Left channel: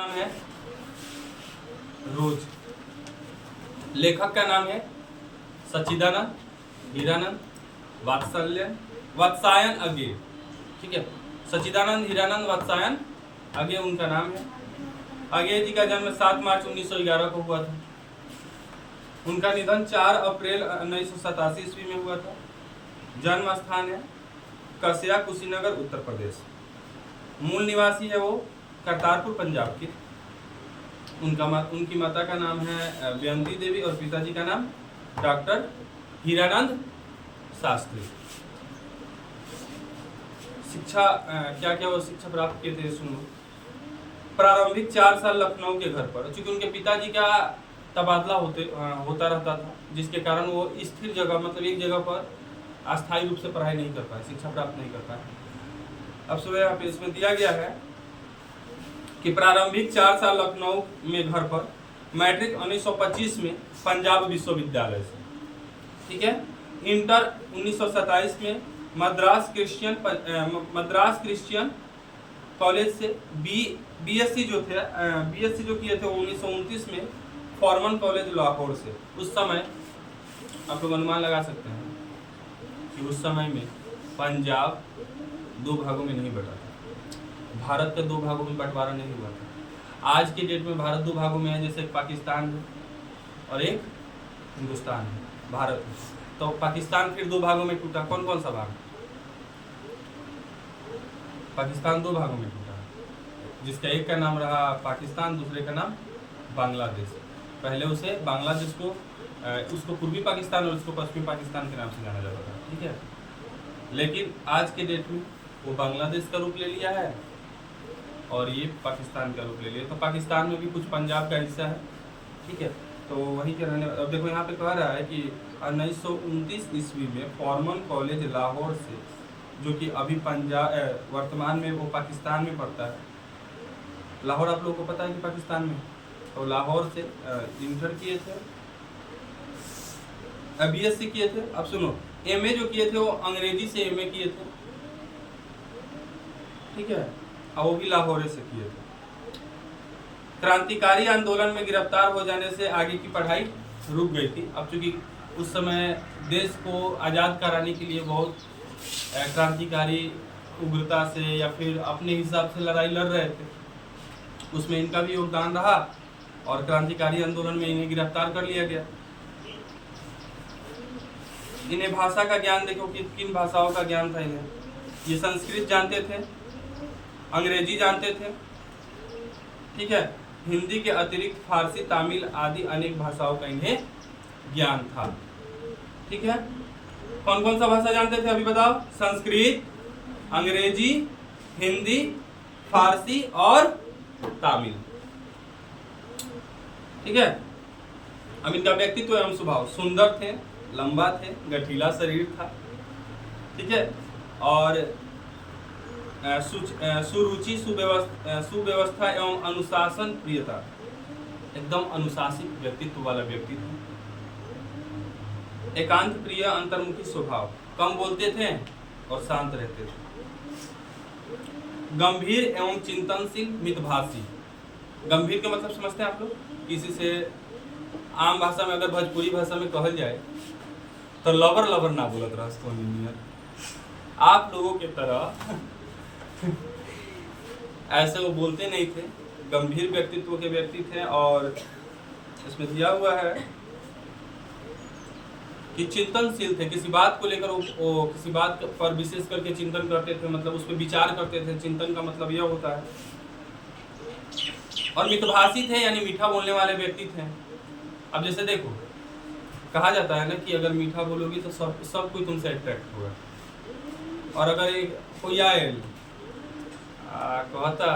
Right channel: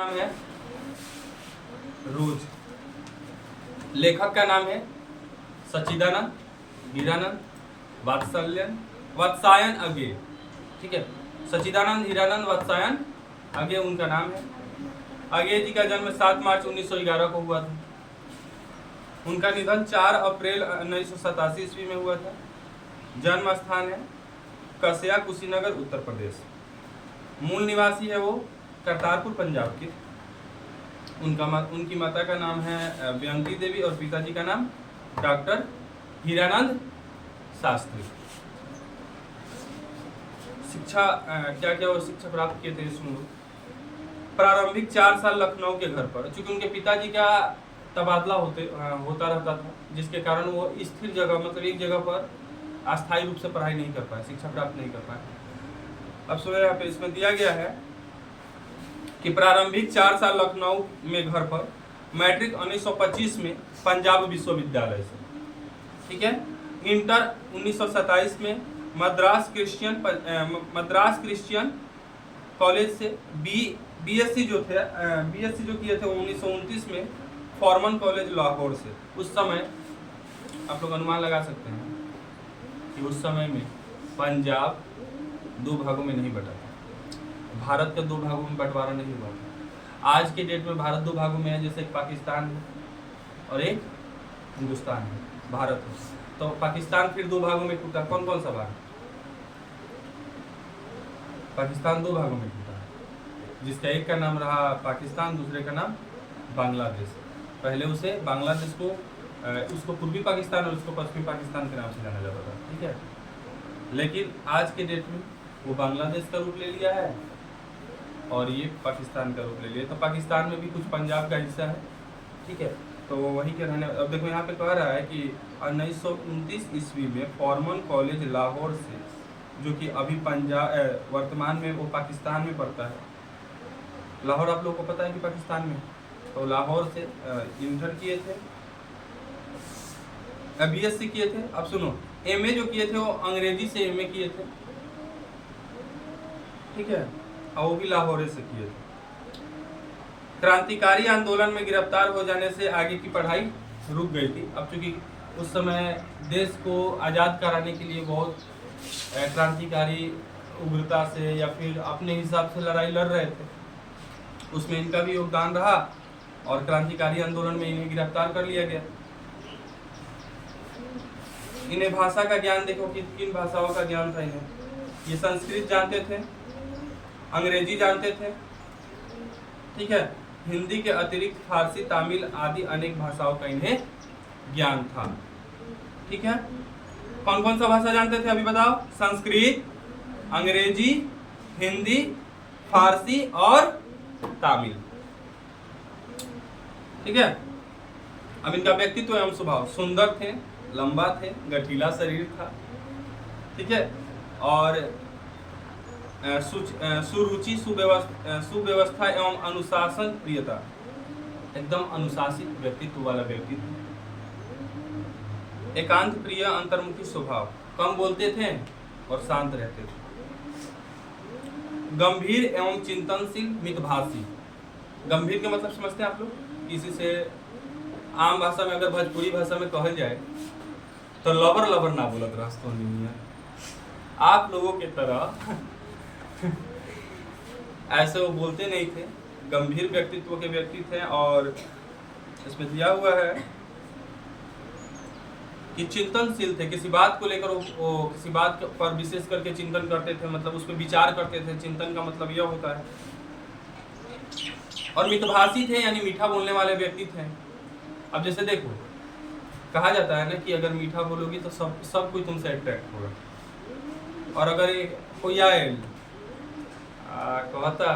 नाम है रोज। लेखक का नाम है सच्चिदानंद, हीरानंद, वात्सायन अगे। ठीक है, सच्चिदानंद, हीरानंद, वात्सायन अगे उनका नाम है। अगे जी का जन्म 7 मार्च 1911 को हुआ था। उनका निधन 4 अप्रैल 1987 ईस्वी में हुआ था। जन्म स्थान है कसया, कुशीनगर, उत्तर प्रदेश। मूल निवासी है वो करतारपुर, पंजाब के। उनकी माता का नाम है बेअंती देवी और पिताजी का नाम डॉक्टर हीरानंद शास्त्री। शिक्षा क्या क्या वो शिक्षा प्राप्त किए थे, सुन लो। प्रारंभिक 4 साल लखनऊ के घर पर, चूंकि उनके पिताजी का तबादला होता रहता था, जिसके कारण वो स्थिर जगह मतलब एक जगह पर अस्थायी रूप से पढ़ाई नहीं कर पाए, शिक्षा प्राप्त नहीं कर पाए। अब सुनो, यहाँ पे इसमें दिया गया है कि प्रारंभिक 4 साल लखनऊ में घर पर, मैट्रिक 1925 में पंजाब विश्वविद्यालय से, ठीक है। इंटर 1927 में मद्रास क्रिश्चियन कॉलेज से बीएससी जो किए थे 1929 में फॉर्मन कॉलेज लाहौर से। उस समय आप लोग अनुमान लगा सकते हैं कि उस समय में पंजाब 2 भागों में नहीं बटा था, भारत के 2 भागों में बंटवारा नहीं हुआ था। आज के डेट में भारत 2 भागों में है, जैसे एक पाकिस्तान है और एक हिंदुस्तान है, भारत है। तो पाकिस्तान फिर 2 भागों में टूटा। कौन कौन सा भाग? पाकिस्तान 2 भागों में टूटा, जिसका एक का नाम रहा पाकिस्तान, दूसरे का नाम बांग्लादेश। पहले उसे बांग्लादेश को उसको पूर्वी पाकिस्तान और उसको पश्चिमी पाकिस्तान के नाम से जाना जाता था, ठीक है। लेकिन आज के डेट में वो बांग्लादेश का रूप ले लिया है और ये पाकिस्तान का रूप ले लिया। तो पाकिस्तान में भी कुछ पंजाब का हिस्सा है, ठीक है। तो वहीं के रहने, अब देखो यहाँ पे कह रहा है कि 1929 ईस्वी में फॉर्मन कॉलेज लाहौर से, जो कि अभी पंजाब वर्तमान में वो पाकिस्तान में पड़ता है। लाहौर आप लोगों को पता है कि पाकिस्तान में, तो लाहौर से इंटर किए थे, बीएससी किए थे। अब सुनो, एमए जो किए थे वो अंग्रेजी से एमए किए थे, ठीक है, और वो भी लाहौर से किए थे। क्रांतिकारी आंदोलन में गिरफ्तार हो जाने से आगे की पढ़ाई रुक गई थी। अब चूंकि उस समय देश को आज़ाद कराने के लिए बहुत क्रांतिकारी उग्रता से या फिर अपने हिसाब से लड़ाई लड़ रहे थे, उसमें इनका भी योगदान रहा और क्रांतिकारी आंदोलन में इन्हें गिरफ्तार कर लिया गया। इन्हें भाषा का ज्ञान देखो कि किन भाषाओं का ज्ञान था इन्हें। ये संस्कृत जानते थे, अंग्रेजी जानते थे, ठीक है। हिंदी के अतिरिक्त फारसी, तमिल आदि अनेक भाषाओं का इन्हें ज्ञान था, ठीक है। कौन कौन सा भाषा जानते थे अभी बताओ? संस्कृत, अंग्रेजी, हिंदी, फारसी और तमिल, ठीक है। अब इनका व्यक्तित्व एवं स्वभाव, सुंदर थे, लंबा थे, गठीला शरीर था, ठीक है, और सुरुचि, सुव्यवस्था एवं अनुशासन प्रियता, एकदम अनुशासित व्यक्तित्व वाला व्यक्ति थे। एकांत प्रिय, अंतर्मुखी स्वभाव, कम बोलते थे और शांत रहते थे। गंभीर एवं चिंतनशील, मितभाषी। गंभीर के मतलब समझते हैं आप लोग? किसी से आम भाषा में, अगर भोजपुरी भाषा में कहल जाए तो लबर ना बोलत रहतो नियर, आप लोगों के तरह ऐसे वो बोलते नहीं थे। गंभीर व्यक्तित्व के व्यक्ति थे। और इसमें दिया हुआ है कि चिंतनशील थे, किसी बात को लेकर वो किसी बात पर विशेष करके चिंतन करते थे, मतलब उस पर विचार करते थे। चिंतन का मतलब यह होता है। और मितभाषी थे, यानी मीठा बोलने वाले व्यक्ति थे। अब जैसे देखो, कहा जाता है ना कि अगर मीठा बोलोगी तो सब कोई तुमसे अट्रैक्ट होगा। और अगर कोई आए कहता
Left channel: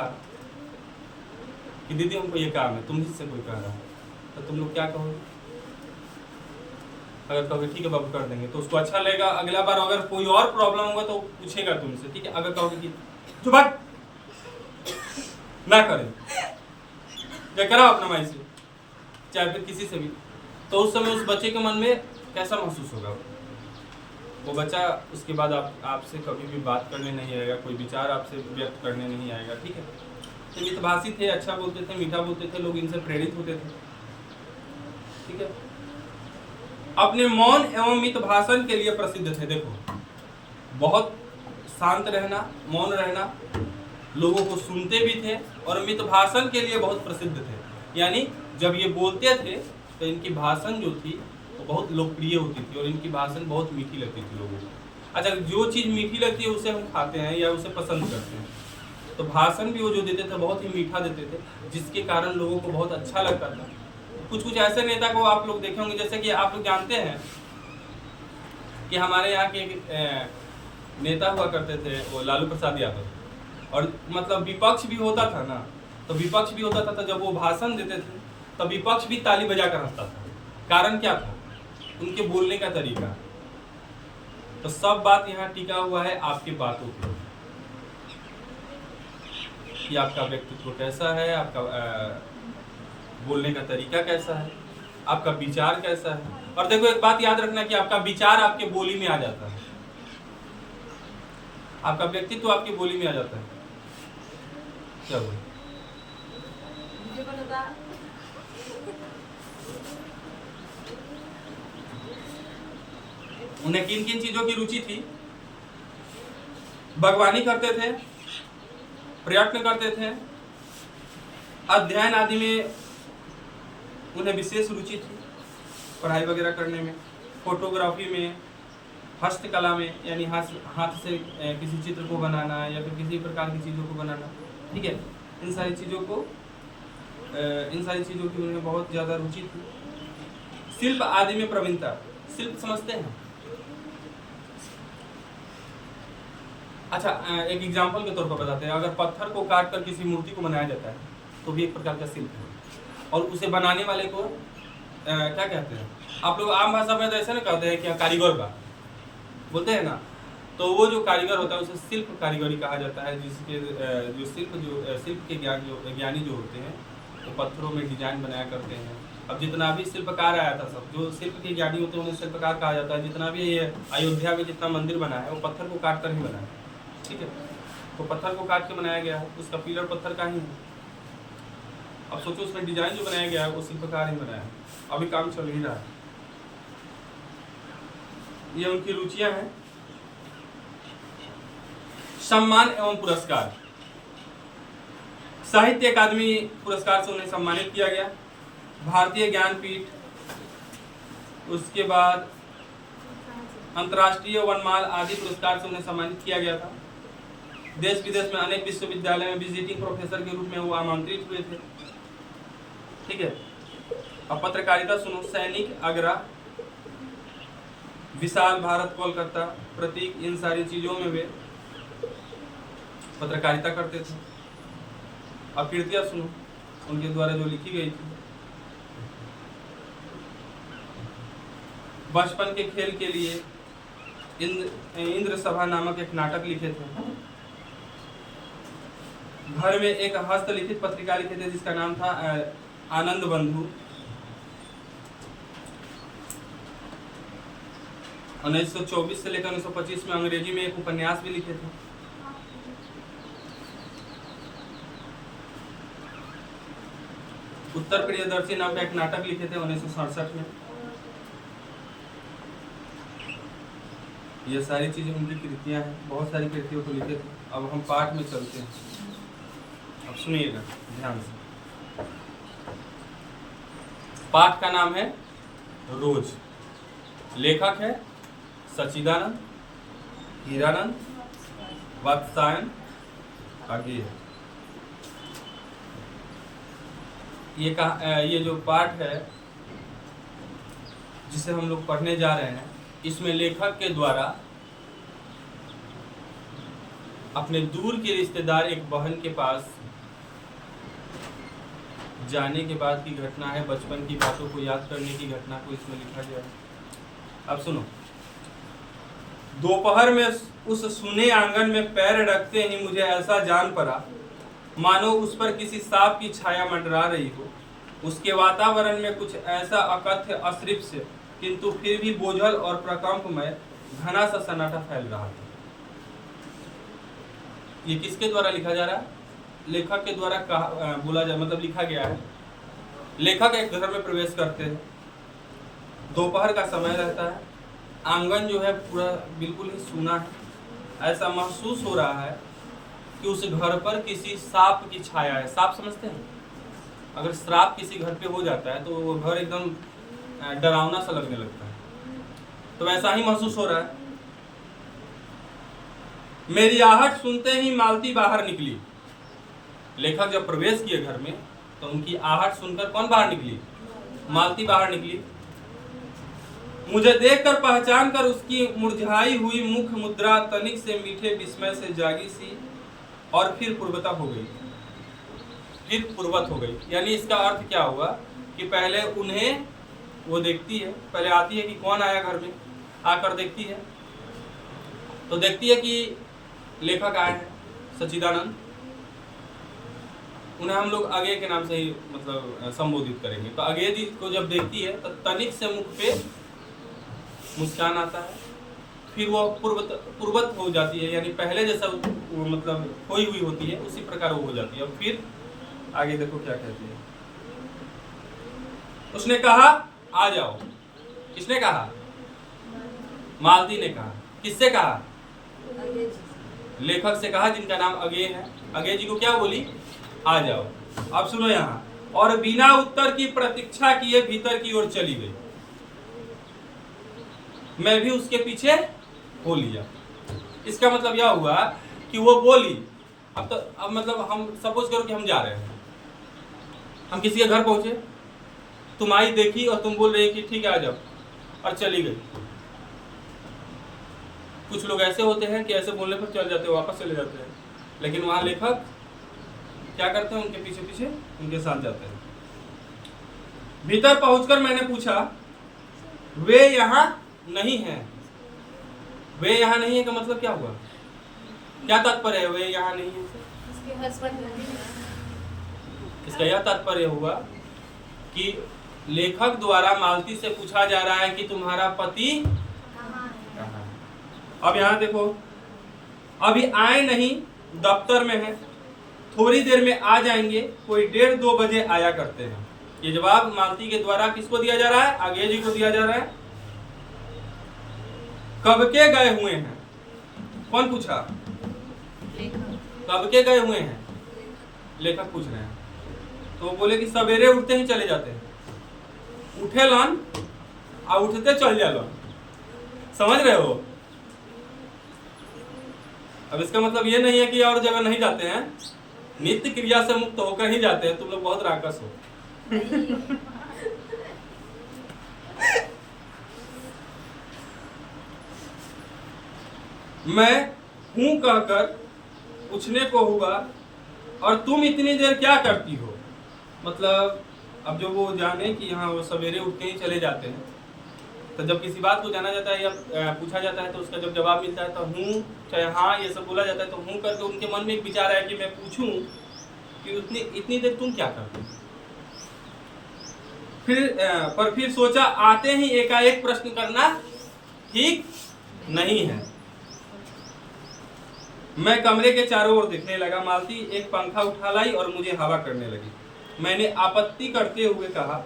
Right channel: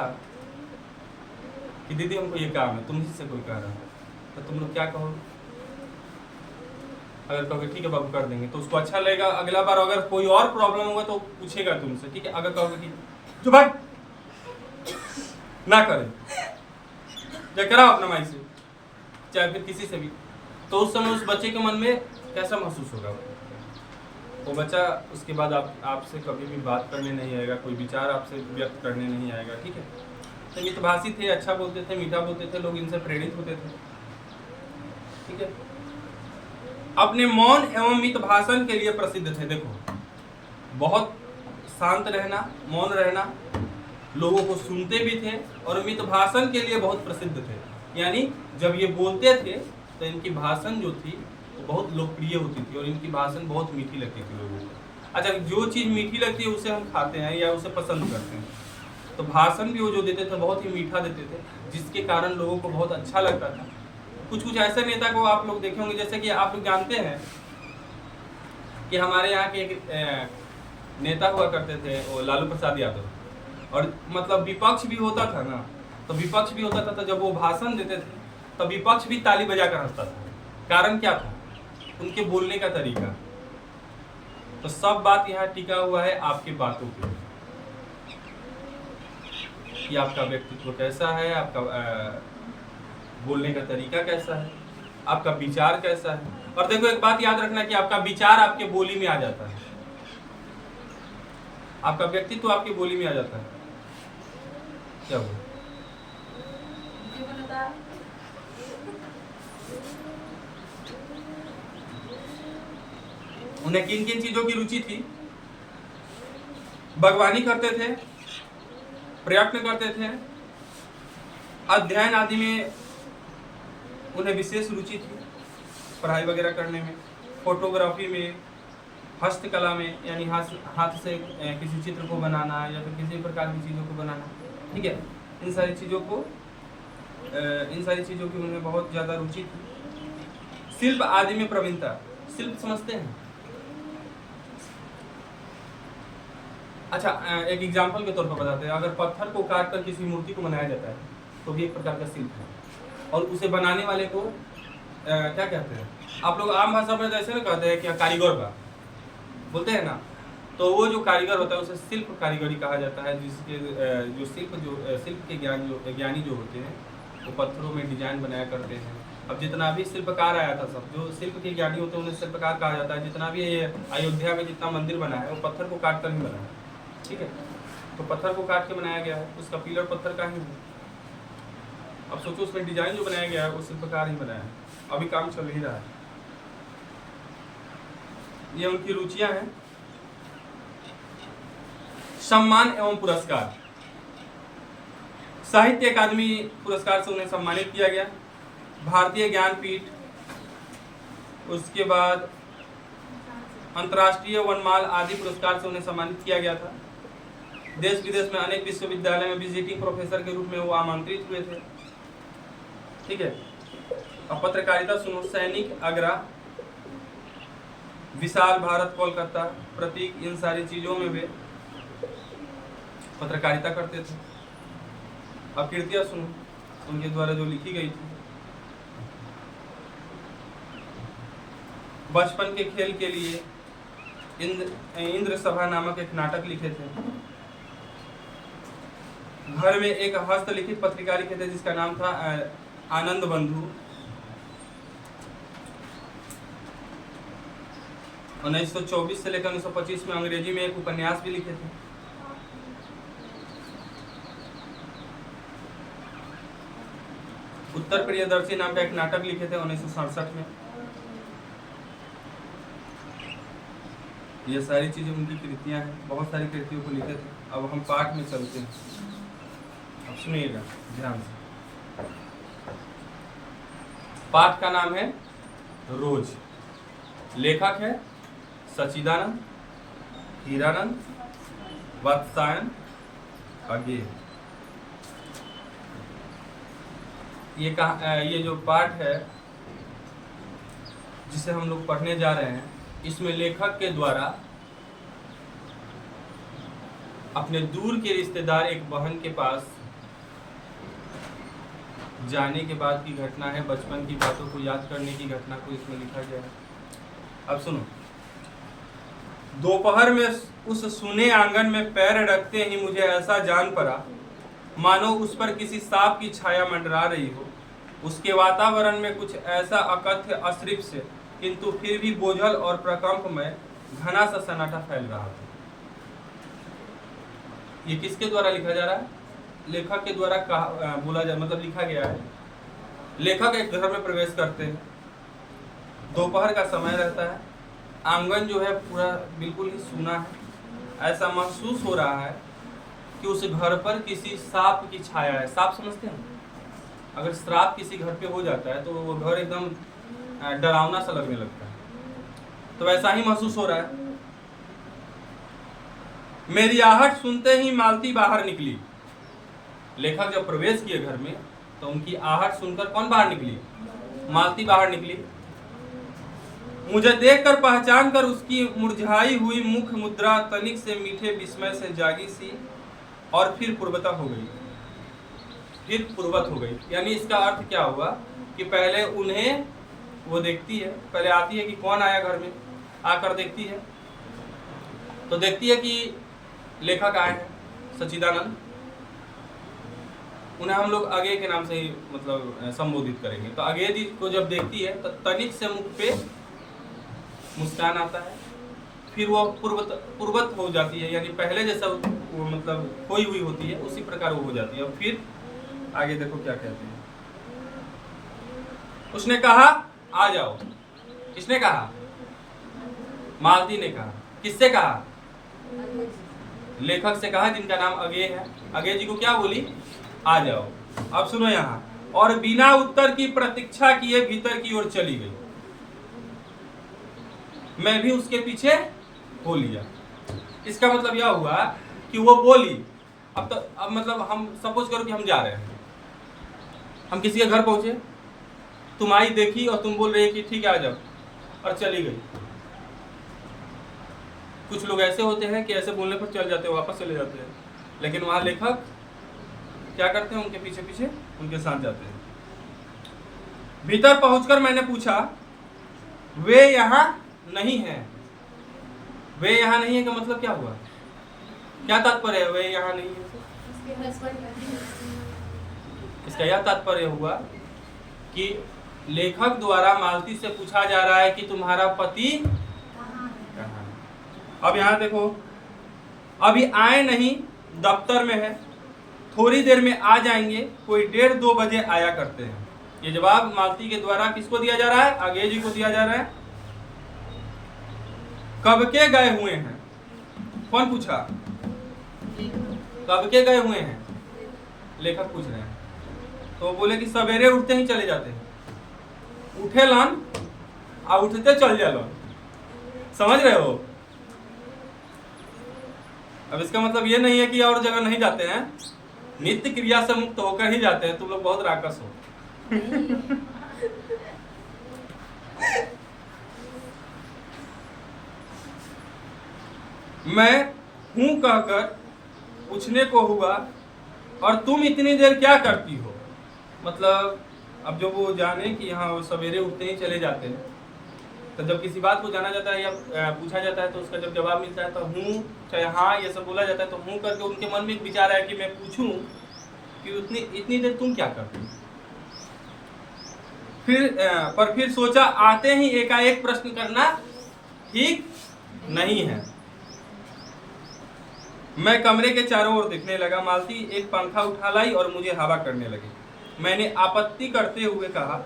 कि दीदी हमको ये काम है, तुम ही से कोई कह रहा है, तो तुम लोग क्या कहोगे? अगर कहोगे ठीक है बाबू कर देंगे, तो उसको अच्छा लगेगा। अगला बार अगर कोई और प्रॉब्लम होगा तो पूछेगा तुमसे, ठीक है। अगर कहोगे कि जो बात ना करे, या कराओ अपना माई से, चाहे फिर किसी से भी, तो उस समय उस बच्चे के मन में कैसा महसूस होगा? वो बच्चा उसके बाद आपसे कभी भी बात करने नहीं आएगा, कोई विचार आपसे व्यक्त करने नहीं आएगा, ठीक है। तो मितभाषी थे, अच्छा बोलते थे, मीठा बोलते थे, लोग इनसे प्रेरित होते थे। ठीक है, अपने मौन एवं मित भाषण के लिए प्रसिद्ध थे। देखो, बहुत शांत रहना, मौन रहना, लोगों को सुनते भी थे और मित भाषण के लिए बहुत प्रसिद्ध थे। यानी जब ये बोलते थे तो इनकी भाषण जो थी वो बहुत लोकप्रिय होती थी और इनकी भाषण बहुत मीठी लगती थी लोगों को। अच्छा, जो चीज़ मीठी लगती है उसे हम खाते हैं या उसे पसंद करते हैं, तो भाषण भी वो जो देते थे बहुत ही मीठा देते थे, जिसके कारण लोगों को बहुत अच्छा लगता था। कुछ ऐसे नेता को आप लोग देखे होंगे, जैसे कि आप लोग जानते हैं कि हमारे यहाँ के एक नेता हुआ करते थे, वो लालू प्रसाद यादव, और मतलब विपक्ष भी होता था ना, तो विपक्ष भी होता था, तो जब वो भाषण देते थे तो विपक्ष भी ताली बजा कर हंसता था। कारण क्या था? उनके बोलने का तरीका। तो सब बात यहाँ टिका हुआ है आपके बातों पे, कि आपका व्यक्तित्व कैसा है, आपका बोलने का तरीका कैसा है, आपका विचार कैसा है। और देखो, एक बात याद रखना कि आपका विचार आपके बोली में आ जाता है, आपका व्यक्तित्व आपकी बोली में आ जाता है। क्या बोले? उन्हें किन किन चीजों की रुचि थी? बागवानी करते थे, प्रयत्न करते थे, अध्ययन आदि में उन्हें विशेष रुचि थी, पढ़ाई वगैरह करने में, फोटोग्राफी में, हस्तकला में, यानी हाथ से किसी चित्र को बनाना या फिर किसी प्रकार की चीज़ों को बनाना। ठीक है, इन सारी चीज़ों की उन्हें बहुत ज़्यादा रुचि थी। शिल्प आदि में प्रवीणता। शिल्प समझते हैं? अच्छा, एक एग्जाम्पल के तौर पर बताते हैं। अगर पत्थर को काट कर किसी मूर्ति को बनाया जाता है तो भी एक प्रकार का शिल्प है, और उसे बनाने वाले को क्या कहते हैं? आप लोग आम भाषा में तो ऐसे ना कहते हैं कि कारीगर बा, बोलते हैं ना, तो वो जो कारीगर होता है उसे शिल्प कारीगरी कहा जाता है, जिसके शिल्प के ज्ञानी जो होते हैं वो पत्थरों में डिजाइन बनाया करते हैं। अब जितना भी शिल्पकार आया था, सब जो शिल्प के ज्ञानी होते हैं उन्हें शिल्पकार कहा जाता है। जितना भी अयोध्या में जितना मंदिर बना है वो पत्थर को काट कर ही बना है। ठीक है, तो पत्थर को काट के बनाया गया है, उसका पिलर पत्थर का ही है। अब सोचो, उसमें डिजाइन जो बनाया गया है वो शिल्पकार ही बनाया है। अभी काम चल ही रहा है। ये उनकी रुचियां हैं। सम्मान एवं पुरस्कार। साहित्य अकादमी पुरस्कार से उन्हें सम्मानित किया गया, भारतीय ज्ञानपीठ, उसके बाद अंतर्राष्ट्रीय वनमाल आदि पुरस्कार से उन्हें सम्मानित किया गया था। देश विदेश में अनेक विश्वविद्यालय में विजिटिंग प्रोफेसर के रूप में वो आमंत्रित हुए थे। ठीक है, अब पत्रकारिता सुनो। सैनिक आगरा, विशाल भारत कोलकाता, प्रतीक, इन सारी चीजों में वे पत्रकारिता करते थे। अब कृतियां सुनो उनके द्वारा जो लिखी गई थी। बचपन के खेल के लिए इंद्र सभा नामक एक नाटक लिखे थे। घर में एक हस्तलिखित पत्रिका लिखे थे जिसका नाम था आनंद बंधु। 1924 से लेकर 1925 में अंग्रेजी में एक उपन्यास भी लिखे थे। उत्तर प्रियदर्शी नाम का एक नाटक लिखे थे 1967 में। ये सारी चीजें उनकी कृतियां हैं, बहुत सारी कृतियों को लिखे थे। अब हम पाठ में चलते हैं, अब सुनिएगा ध्यान से। पाठ का नाम है रोज। लेखक है सच्चिदानंद, हीरानंद, वात्सायन, अगेय। ये जो पाठ है जिसे हम लोग पढ़ने जा रहे हैं, इसमें लेखक के द्वारा अपने दूर के रिश्तेदार एक बहन के पास जाने के बाद की घटना है। बचपन की बातों को याद करने की घटना को इसमें लिखा गया है। अब सुनो। दोपहर में उस सुने आंगन में पैर रखते ही मुझे ऐसा जान पड़ा मानो उस पर किसी सांप की छाया मंडरा रही हो। उसके वातावरण में कुछ ऐसा अकथ्य अदृश्य किंतु फिर भी बोझल और प्रकंपमय घना सा सन्नाटा फैल रहा था। ये किसके द्वारा लिखा जा रहा है? लेखक के द्वारा कहा बोला जाए, मतलब लिखा गया है। लेखक एक घर में प्रवेश करते हैं, दोपहर का समय रहता है, आंगन जो है पूरा बिल्कुल ही सूना है। ऐसा महसूस हो रहा है कि उस घर पर किसी सांप की छाया है। सांप समझते हैं? अगर श्राप किसी घर पे हो जाता है तो वो घर एकदम डरावना सा लगने लगता है, तो वैसा ही महसूस हो रहा है। मेरी आहट सुनते ही मालती बाहर निकली। लेखक जब प्रवेश किए घर में तो उनकी आहट सुनकर कौन बाहर निकली? मालती बाहर निकली। मुझे देखकर पहचान कर उसकी मुरझाई हुई मुख मुद्रा तनिक से मीठे विस्मय से जागी सी और फिर पूर्वता हो गई। फिर पूर्वत हो गई, यानी इसका अर्थ क्या हुआ कि पहले उन्हें वो देखती है, पहले आती है कि कौन आया घर में, आकर देखती है तो देखती है कि लेखक आए हैं सच्चिदानंद। उन्हें हम लोग अगे के नाम से ही मतलब संबोधित करेंगे। तो अगे जी को जब देखती है तो तनिक से मुख पे मुस्कान आता है, फिर वो पूर्वत हो जाती है, यानी पहले जैसा वो मतलब खोई हुई होती है उसी प्रकार वो हो जाती है। और फिर आगे देखो क्या कहती है। उसने कहा आ जाओ। किसने कहा? मालती ने कहा। किससे कहा? लेखक से कहा, जिनका नाम अगे है। अगे जी को क्या बोली? आ जाओ। अब सुनो यहाँ, और बिना उत्तर की प्रतीक्षा किए भीतर की ओर चली गई। मैं भी उसके पीछे हो लिया। इसका मतलब यह हुआ कि वो बोली। अब मतलब हम सपोज करो कि हम जा रहे हैं, हम किसी के घर पहुंचे, तुम आई देखी और तुम बोल रहे कि ठीक है आ जाओ, और चली गई। कुछ लोग ऐसे होते हैं कि ऐसे बोलने पर चल जाते हैं, वापस चले जाते हैं, लेकिन वहां लेखक क्या करते हैं? उनके पीछे पीछे उनके साथ जाते हैं। भीतर पहुंचकर मैंने पूछा, वे यहाँ नहीं है? वे यहाँ नहीं है का मतलब क्या हुआ? क्या तात्पर्य है वे यहाँ नहीं है से? इसका यह तात्पर्य हुआ कि लेखक द्वारा मालती से पूछा जा रहा है कि तुम्हारा पति कहाँ है? अब यहाँ देखो, अभी आए नहीं, दफ्तर में है, थोड़ी देर में आ जाएंगे, कोई 1:30-2 बजे आया करते हैं। ये जवाब मालती के द्वारा किसको दिया जा रहा है? आगे जी को दिया जा रहा है। कब के गए हुए हैं? कौन पूछा? कब के गए हुए हैं? लेखक पूछ रहे हैं। तो वो बोले कि सवेरे उठते ही चले जाते हैं। उठे लन और उठते चल जा लन। समझ रहे हो? अब इसका मतलब ये नहीं है कि और जगह नहीं जाते हैं, नित्य क्रिया से मुक्त होकर ही जाते हैं। तुम लोग बहुत राकस हो। मैं हूं कहकर पूछने को हुआ, और तुम इतनी देर क्या करती हो? मतलब अब जो वो जाने कि यहाँ वो सवेरे उठते ही चले जाते हैं, तो जब किसी बात को जाना जाता है या पूछा जाता है तो उसका जब जवाब मिलता है तो हूँ चाहे हाँ ये सब बोला जाता है, तो हूँ करके उनके मन में एक विचार है कि मैं पूछूं कि इतनी देर तुम क्या करते हो? फिर सोचा आते ही एकाएक प्रश्न करना ठीक नहीं है। मैं कमरे के चारों ओर देखने लगा। मालती एक पंखा उठा लाई और मुझे हवा करने लगी। मैंने आपत्ति करते हुए कहा,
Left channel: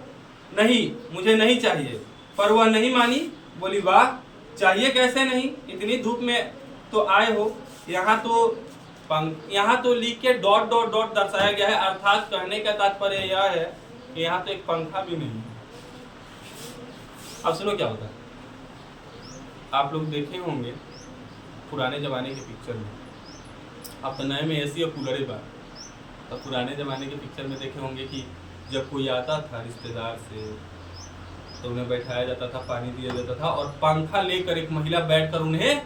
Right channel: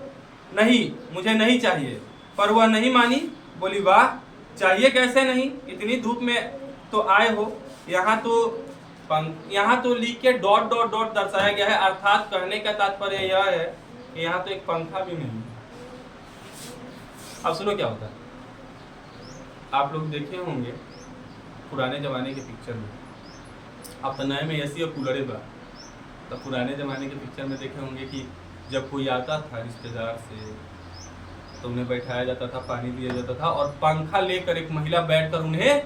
नहीं मुझे नहीं चाहिए, पर वह नहीं मानी। बोली, वाह, चाहिए कैसे नहीं, इतनी धूप में तो आए हो। यहाँ तो लिख के ... दर्शाया गया है, अर्थात कहने का तात्पर्य यह है कि यहाँ तो एक पंखा भी नहीं है। अब सुनो क्या होता है। आप लोग देखे होंगे पुराने जमाने के पिक्चर में, अब तो नए में एसी और कूलर बा, तो पुराने ज़माने के पिक्चर में देखे होंगे कि जब कोई आता था रिश्तेदार से तो उन्हें बैठाया जाता था, पानी दिया जाता था, और पंखा लेकर एक महिला बैठकर उन्हें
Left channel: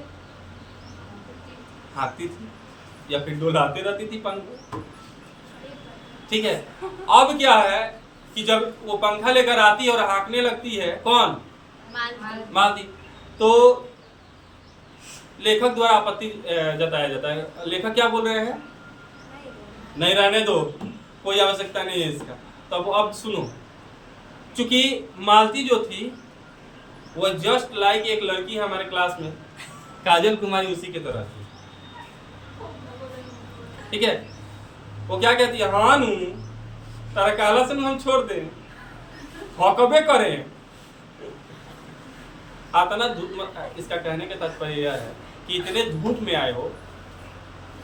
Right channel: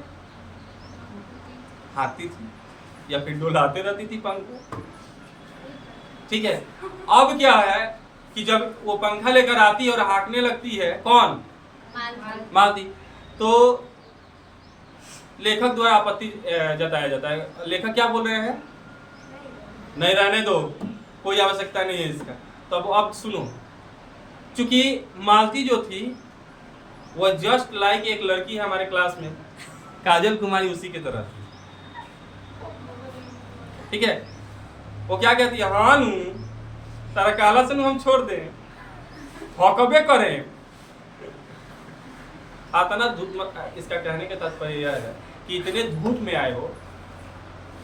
हाँकती थी या फिर डोलाते रहती थी पंखा। ठीक है। अब क्या है कि जब वो पंखा लेकर आती है और हाँकने लगती है, कौन? मालती। तो लेखक द्वारा आपत्ति जताया जाता है। लेखक क्या बोल रहे हैं? नहीं, रहने दो, कोई आवश्यकता नहीं है इसका। तो अब सुनो, चूंकि मालती जो थी वो जस्ट लाइक एक लड़की है हमारे क्लास में, काजल कुमारी, उसी के तरह थी। ठीक है। वो क्या कहती है, हाँ नू तारा कहला से नू हम छोड़ दें, हकबे करें। आता ना धूप, इसका कहने का तात्पर्य यह है कि इतने धूप में आए हो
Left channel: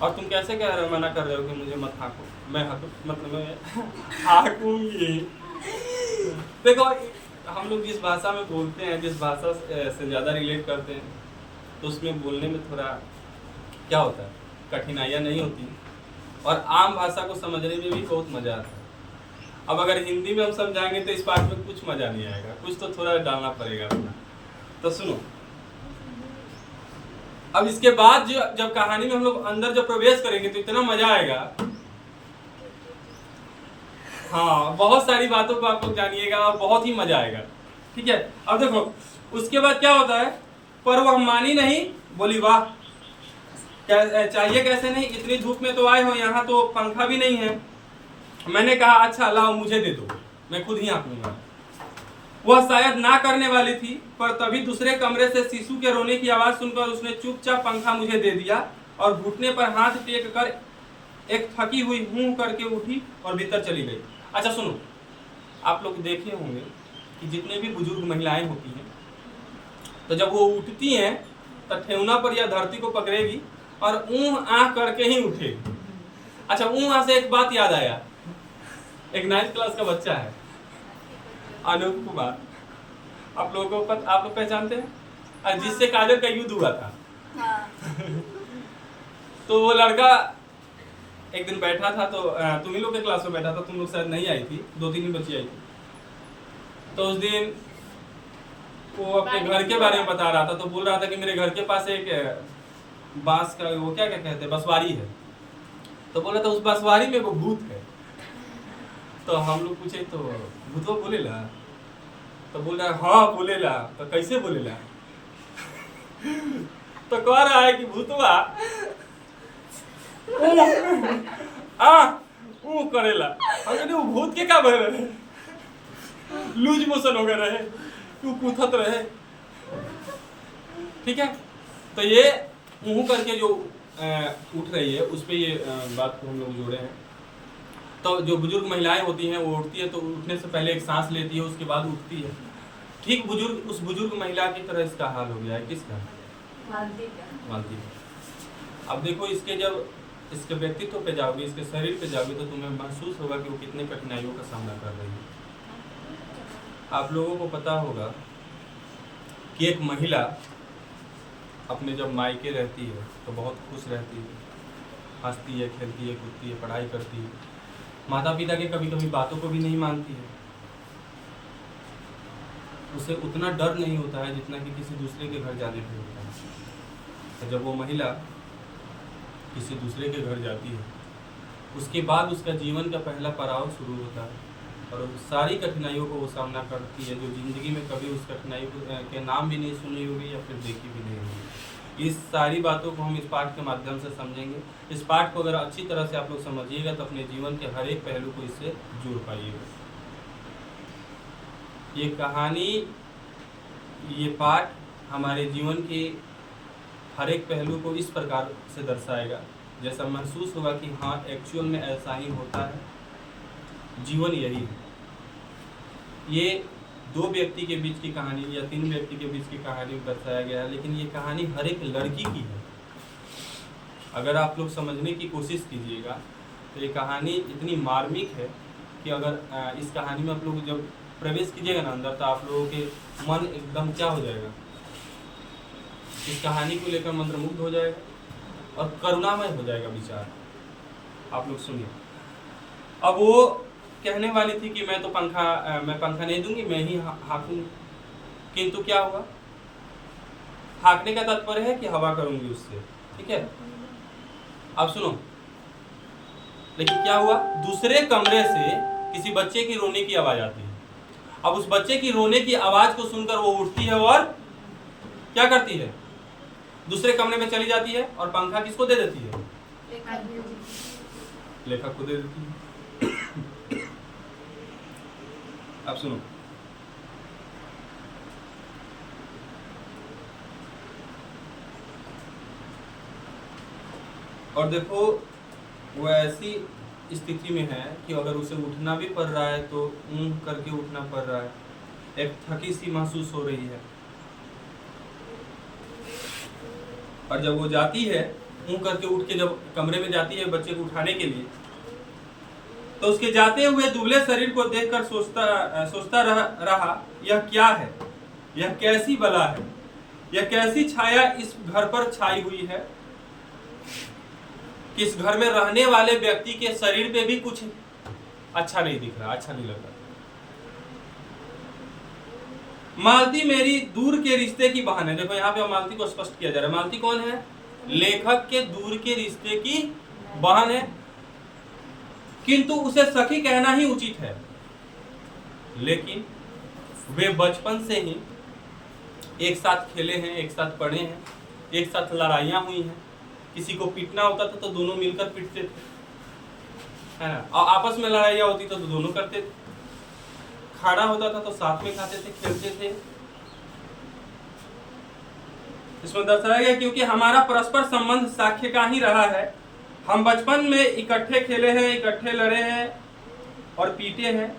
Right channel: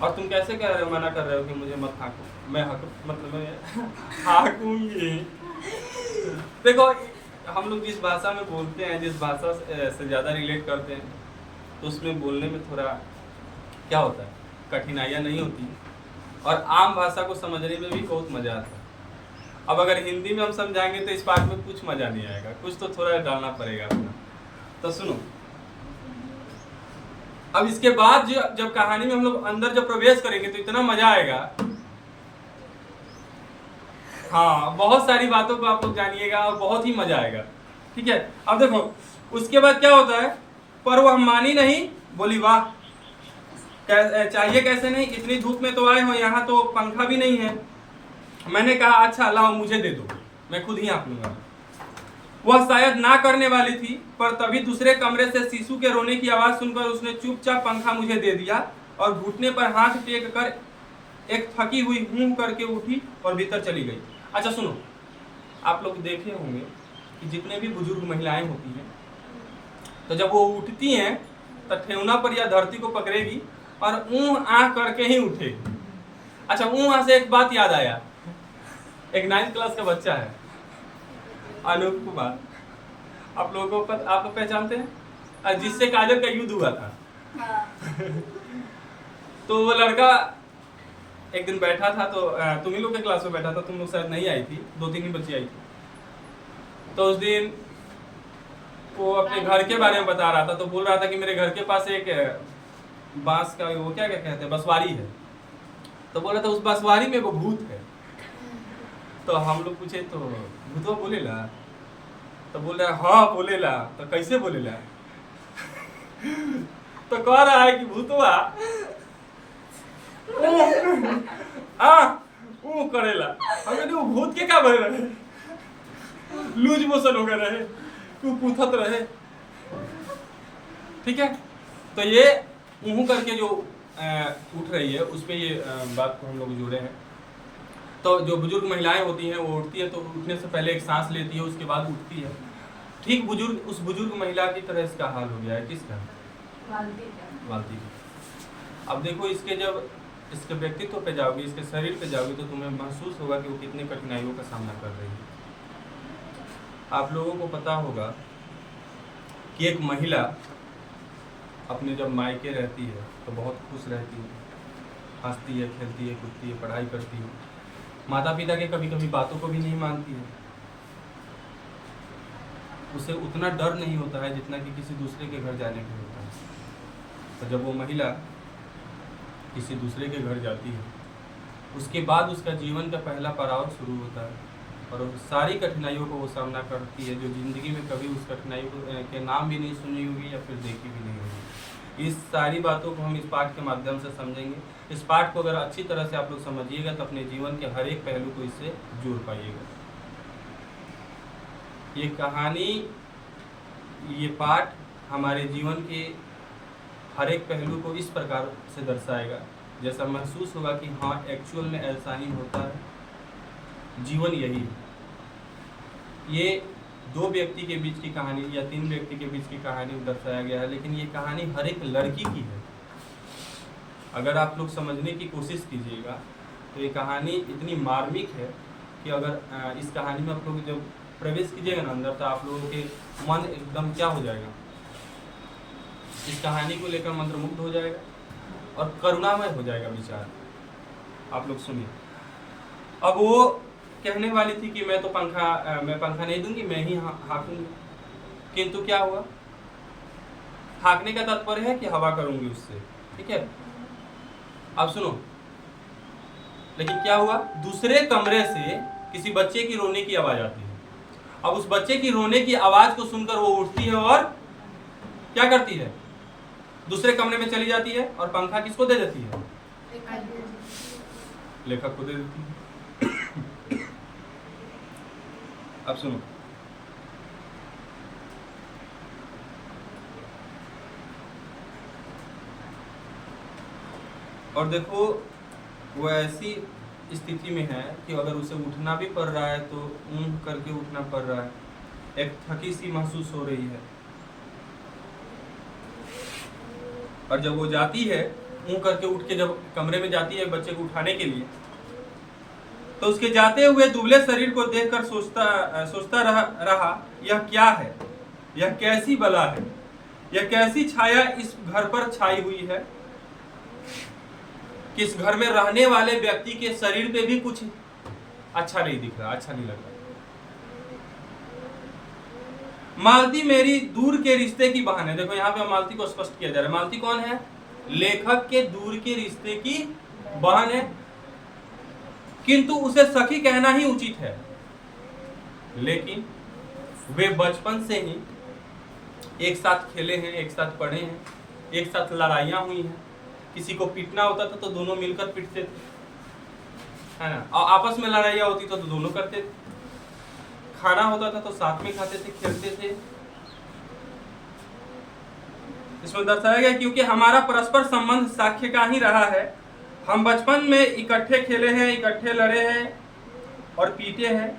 और तुम कैसे कह रहे हो, मना कर रहे हो कि मुझे मत हाँको, मैं हक मतलब मैं हाँकूंगी। देखो हम लोग जिस भाषा में बोलते हैं, जिस भाषा से ज़्यादा रिलेट करते हैं, तो उसमें बोलने में थोड़ा क्या होता है, कठिनाइयाँ नहीं होती और आम भाषा को समझने में भी बहुत मज़ा आता है। अब अगर हिंदी में हम समझाएंगे तो इस पार्ट में कुछ मज़ा नहीं आएगा, कुछ तो थोड़ा डालना पड़ेगा अपना। तो सुनो, अब इसके बाद जब कहानी में हम लोग अंदर जब प्रवेश करेंगे तो इतना मजा आएगा। हाँ, बहुत सारी बातों को आप लोग जानिएगा और बहुत ही मजा आएगा। ठीक है, अब देखो उसके बाद क्या होता है, पर वह मानी नहीं, बोली वाह चाहिए कैसे नहीं, इतनी धूप में तो आए हो, यहाँ तो पंखा भी नहीं है। मैंने कहा अच्छा लाओ मुझे दे दो, मैं खुद ही हाँक लूंगा। वह शायद ना करने वाली थी, पर तभी दूसरे कमरे से शिशु के रोने की आवाज सुनकर उसने चुपचाप पंखा मुझे दे दिया और घुटने पर हाथ टेक कर एक थकी हुई हूं करके उठी और भीतर चली गई। अच्छा सुनो, आप लोग देखे होंगे कि जितने भी बुजुर्ग महिलाएं होती हैं, तो जब वो उठती हैं तो ठेहुना पर या धरती को पकड़ेगी और ऊँ आँख करके ही उठेगी। अच्छा ऊँ से एक बात याद आया, एक 9th क्लास का बच्चा है अनूप कुमार, आप लोगों को आप लोग पहचानते हैं, जिससे काजल का युद्ध हुआ था। हाँ। तो वो लड़का एक दिन बैठा था, तो तुम ही लोग के क्लास में बैठा था, तुम लोग शायद नहीं आई थी, 2-3 ही बच्ची आई थी। तो उस दिन वो अपने घर के बारे में बता रहा था, तो बोल रहा था कि मेरे घर के पास एक बांस का वो क्या क्या कहते हैं, बसवारी है। तो बोला था उस बसवारी में वो भूत है। तो हम लोग पूछे तो भूतवा बोलेला, तो बोल रहा है हाँ बोलेला। तो कैसे बोलेला? तो कह रहा है कि भूतवा ऊ करेला। हम कहते वो भूत के का बह रहे, लूज मोशन हो गए रहे, तू पूछत रहे। ठीक है, तो ये ऊँ करके जो उठ रही है उस पे ये बात को हम लोग जोड़े हैं। तो जो बुजुर्ग महिलाएं होती हैं वो उठती है, तो उठने से पहले एक सांस लेती है, उसके बाद उठती है। ठीक उस बुजुर्ग महिला की तरह इसका हाल हो गया है। किसका? मालती का। अब देखो इसके व्यक्तित्व पे जाओगे, इसके शरीर पे जाओगे, तो तुम्हें महसूस होगा कि वो कितनी कठिनाइयों का सामना कर रही है। आप लोगों को पता होगा कि एक महिला अपने जब मायके रहती है तो बहुत खुश रहती है, हंसती है, खेलती है, कूदती है, पढ़ाई करती है, माता पिता के कभी कभी बातों को भी नहीं मानती है। उसे उतना डर नहीं होता है जितना कि किसी दूसरे के घर जाने पे होता है। तो जब वो महिला किसी दूसरे के घर जाती है, उसके बाद उसका जीवन का पहला पड़ाव शुरू होता है और उन सारी कठिनाइयों को वो सामना करती है, जो ज़िंदगी में कभी उस कठिनाइयों के नाम भी नहीं सुनी होगी या फिर देखी भी नहीं होगी। इस सारी बातों को हम इस पाठ के माध्यम से समझेंगे। इस पाठ को अगर अच्छी तरह से आप लोग समझिएगा तो अपने जीवन के हर एक पहलू को इससे जोड़ पाइएगा। ये कहानी, ये पाठ हमारे जीवन के हर एक पहलू को इस प्रकार से दर्शाएगा जैसा महसूस होगा कि हाँ एक्चुअल में ऐसा ही होता है, जीवन यही है। ये 2 व्यक्ति के बीच की कहानी या 3 व्यक्ति के बीच की कहानी दर्शाया गया है, लेकिन ये कहानी हर एक लड़की की है। अगर आप लोग समझने की कोशिश कीजिएगा तो ये कहानी इतनी मार्मिक है कि अगर इस कहानी में आप लोग जब प्रवेश कीजिएगा ना अंदर, तो आप लोगों के मन एकदम क्या हो जाएगा, इस कहानी को लेकर मंत्रमुग्ध हो जाएगा और करुणामय हो जाएगा विचार। आप लोग सुनिए। अब वो कहने वाली थी कि मैं पंखा नहीं दूंगी, मैं ही हाँकूंगी, किंतु क्या हुआ, हाँकने का तात्पर्य है कि हवा करूंगी उससे। ठीक है, अब सुनो, लेकिन क्या हुआ, दूसरे कमरे से किसी बच्चे की रोने की आवाज आती है। अब उस बच्चे की रोने की आवाज को सुनकर वो उठती है और क्या करती है, दूसरे कमरे में चली जाती है और पंखा किसको दे देती है, लेखक को दे देती है। अब सुनो, और देखो वो ऐसी स्थिति में है कि अगर उसे उठना भी पड़ रहा है तो ऊँघ करके उठना पड़ रहा है, एक थकी सी महसूस हो रही है। और जब वो जाती है ऊँघ करके, उठ के जब कमरे में जाती है बच्चे को उठाने के लिए, तो उसके जाते हुए दुबले शरीर को देखकर सोचता रहा यह क्या है, यह कैसी बला है, यह कैसी छाया इस घर पर छाई हुई है कि इस घर में रहने वाले व्यक्ति के शरीर पे भी कुछ अच्छा नहीं दिख रहा, अच्छा नहीं लग रहा। मालती मेरी दूर के रिश्ते की बहन है। देखो यहाँ पे मालती को स्पष्ट किया जा रहा है। मालती कौन है? लेखक के दूर के रिश्ते की बहन है, किंतु उसे सखी कहना ही उचित है। लेकिन वे बचपन से ही एक साथ खेले हैं, एक साथ पढ़े हैं, एक साथ लड़ाइयाँ हुई हैं। किसी को पीटना होता था तो दोनों मिलकर पीटते थे, है ना, और आपस में लड़ाइयाँ होती तो दोनों करते थे। खाना होता था तो साथ में खाते थे, खेलते थे। इसमें दर्शाया गया क्योंकि हमारा परस्पर संबंध साक्ष्य का ही रहा है। हम बचपन में इकट्ठे खेले हैं, इकट्ठे लड़े हैं और पीटे हैं।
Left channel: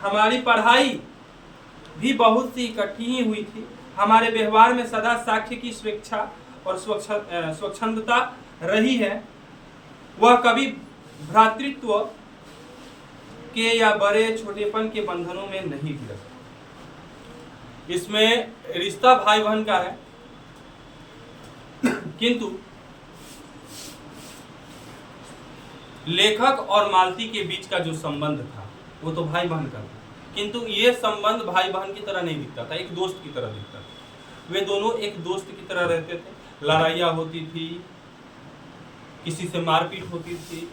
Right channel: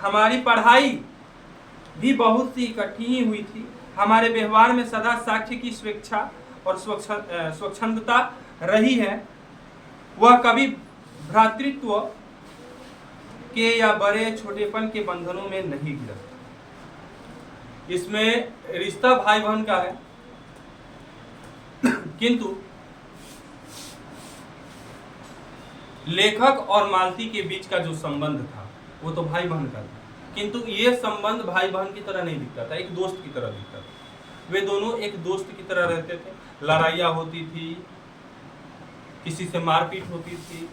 हमारी पढ़ाई भी बहुत सी इकट्ठी ही हुई थी। हमारे व्यवहार में सदा साक्ष्य की स्वेच्छा और स्वच्छंदता रही है। वह कभी भ्रातृत्व के या बड़े छोटेपन के बंधनों में नहीं गिरा। इसमें रिश्ता भाई बहन का है, किंतु लेखक और मालती के बीच का जो संबंध था वो तो भाई बहन का था, किंतु ये संबंध भाई बहन की तरह नहीं दिखता था, एक दोस्त की तरह दिखता था। वे दोनों एक दोस्त की तरह रहते थे। लड़ाइयाँ होती थी, किसी से मारपीट होती थी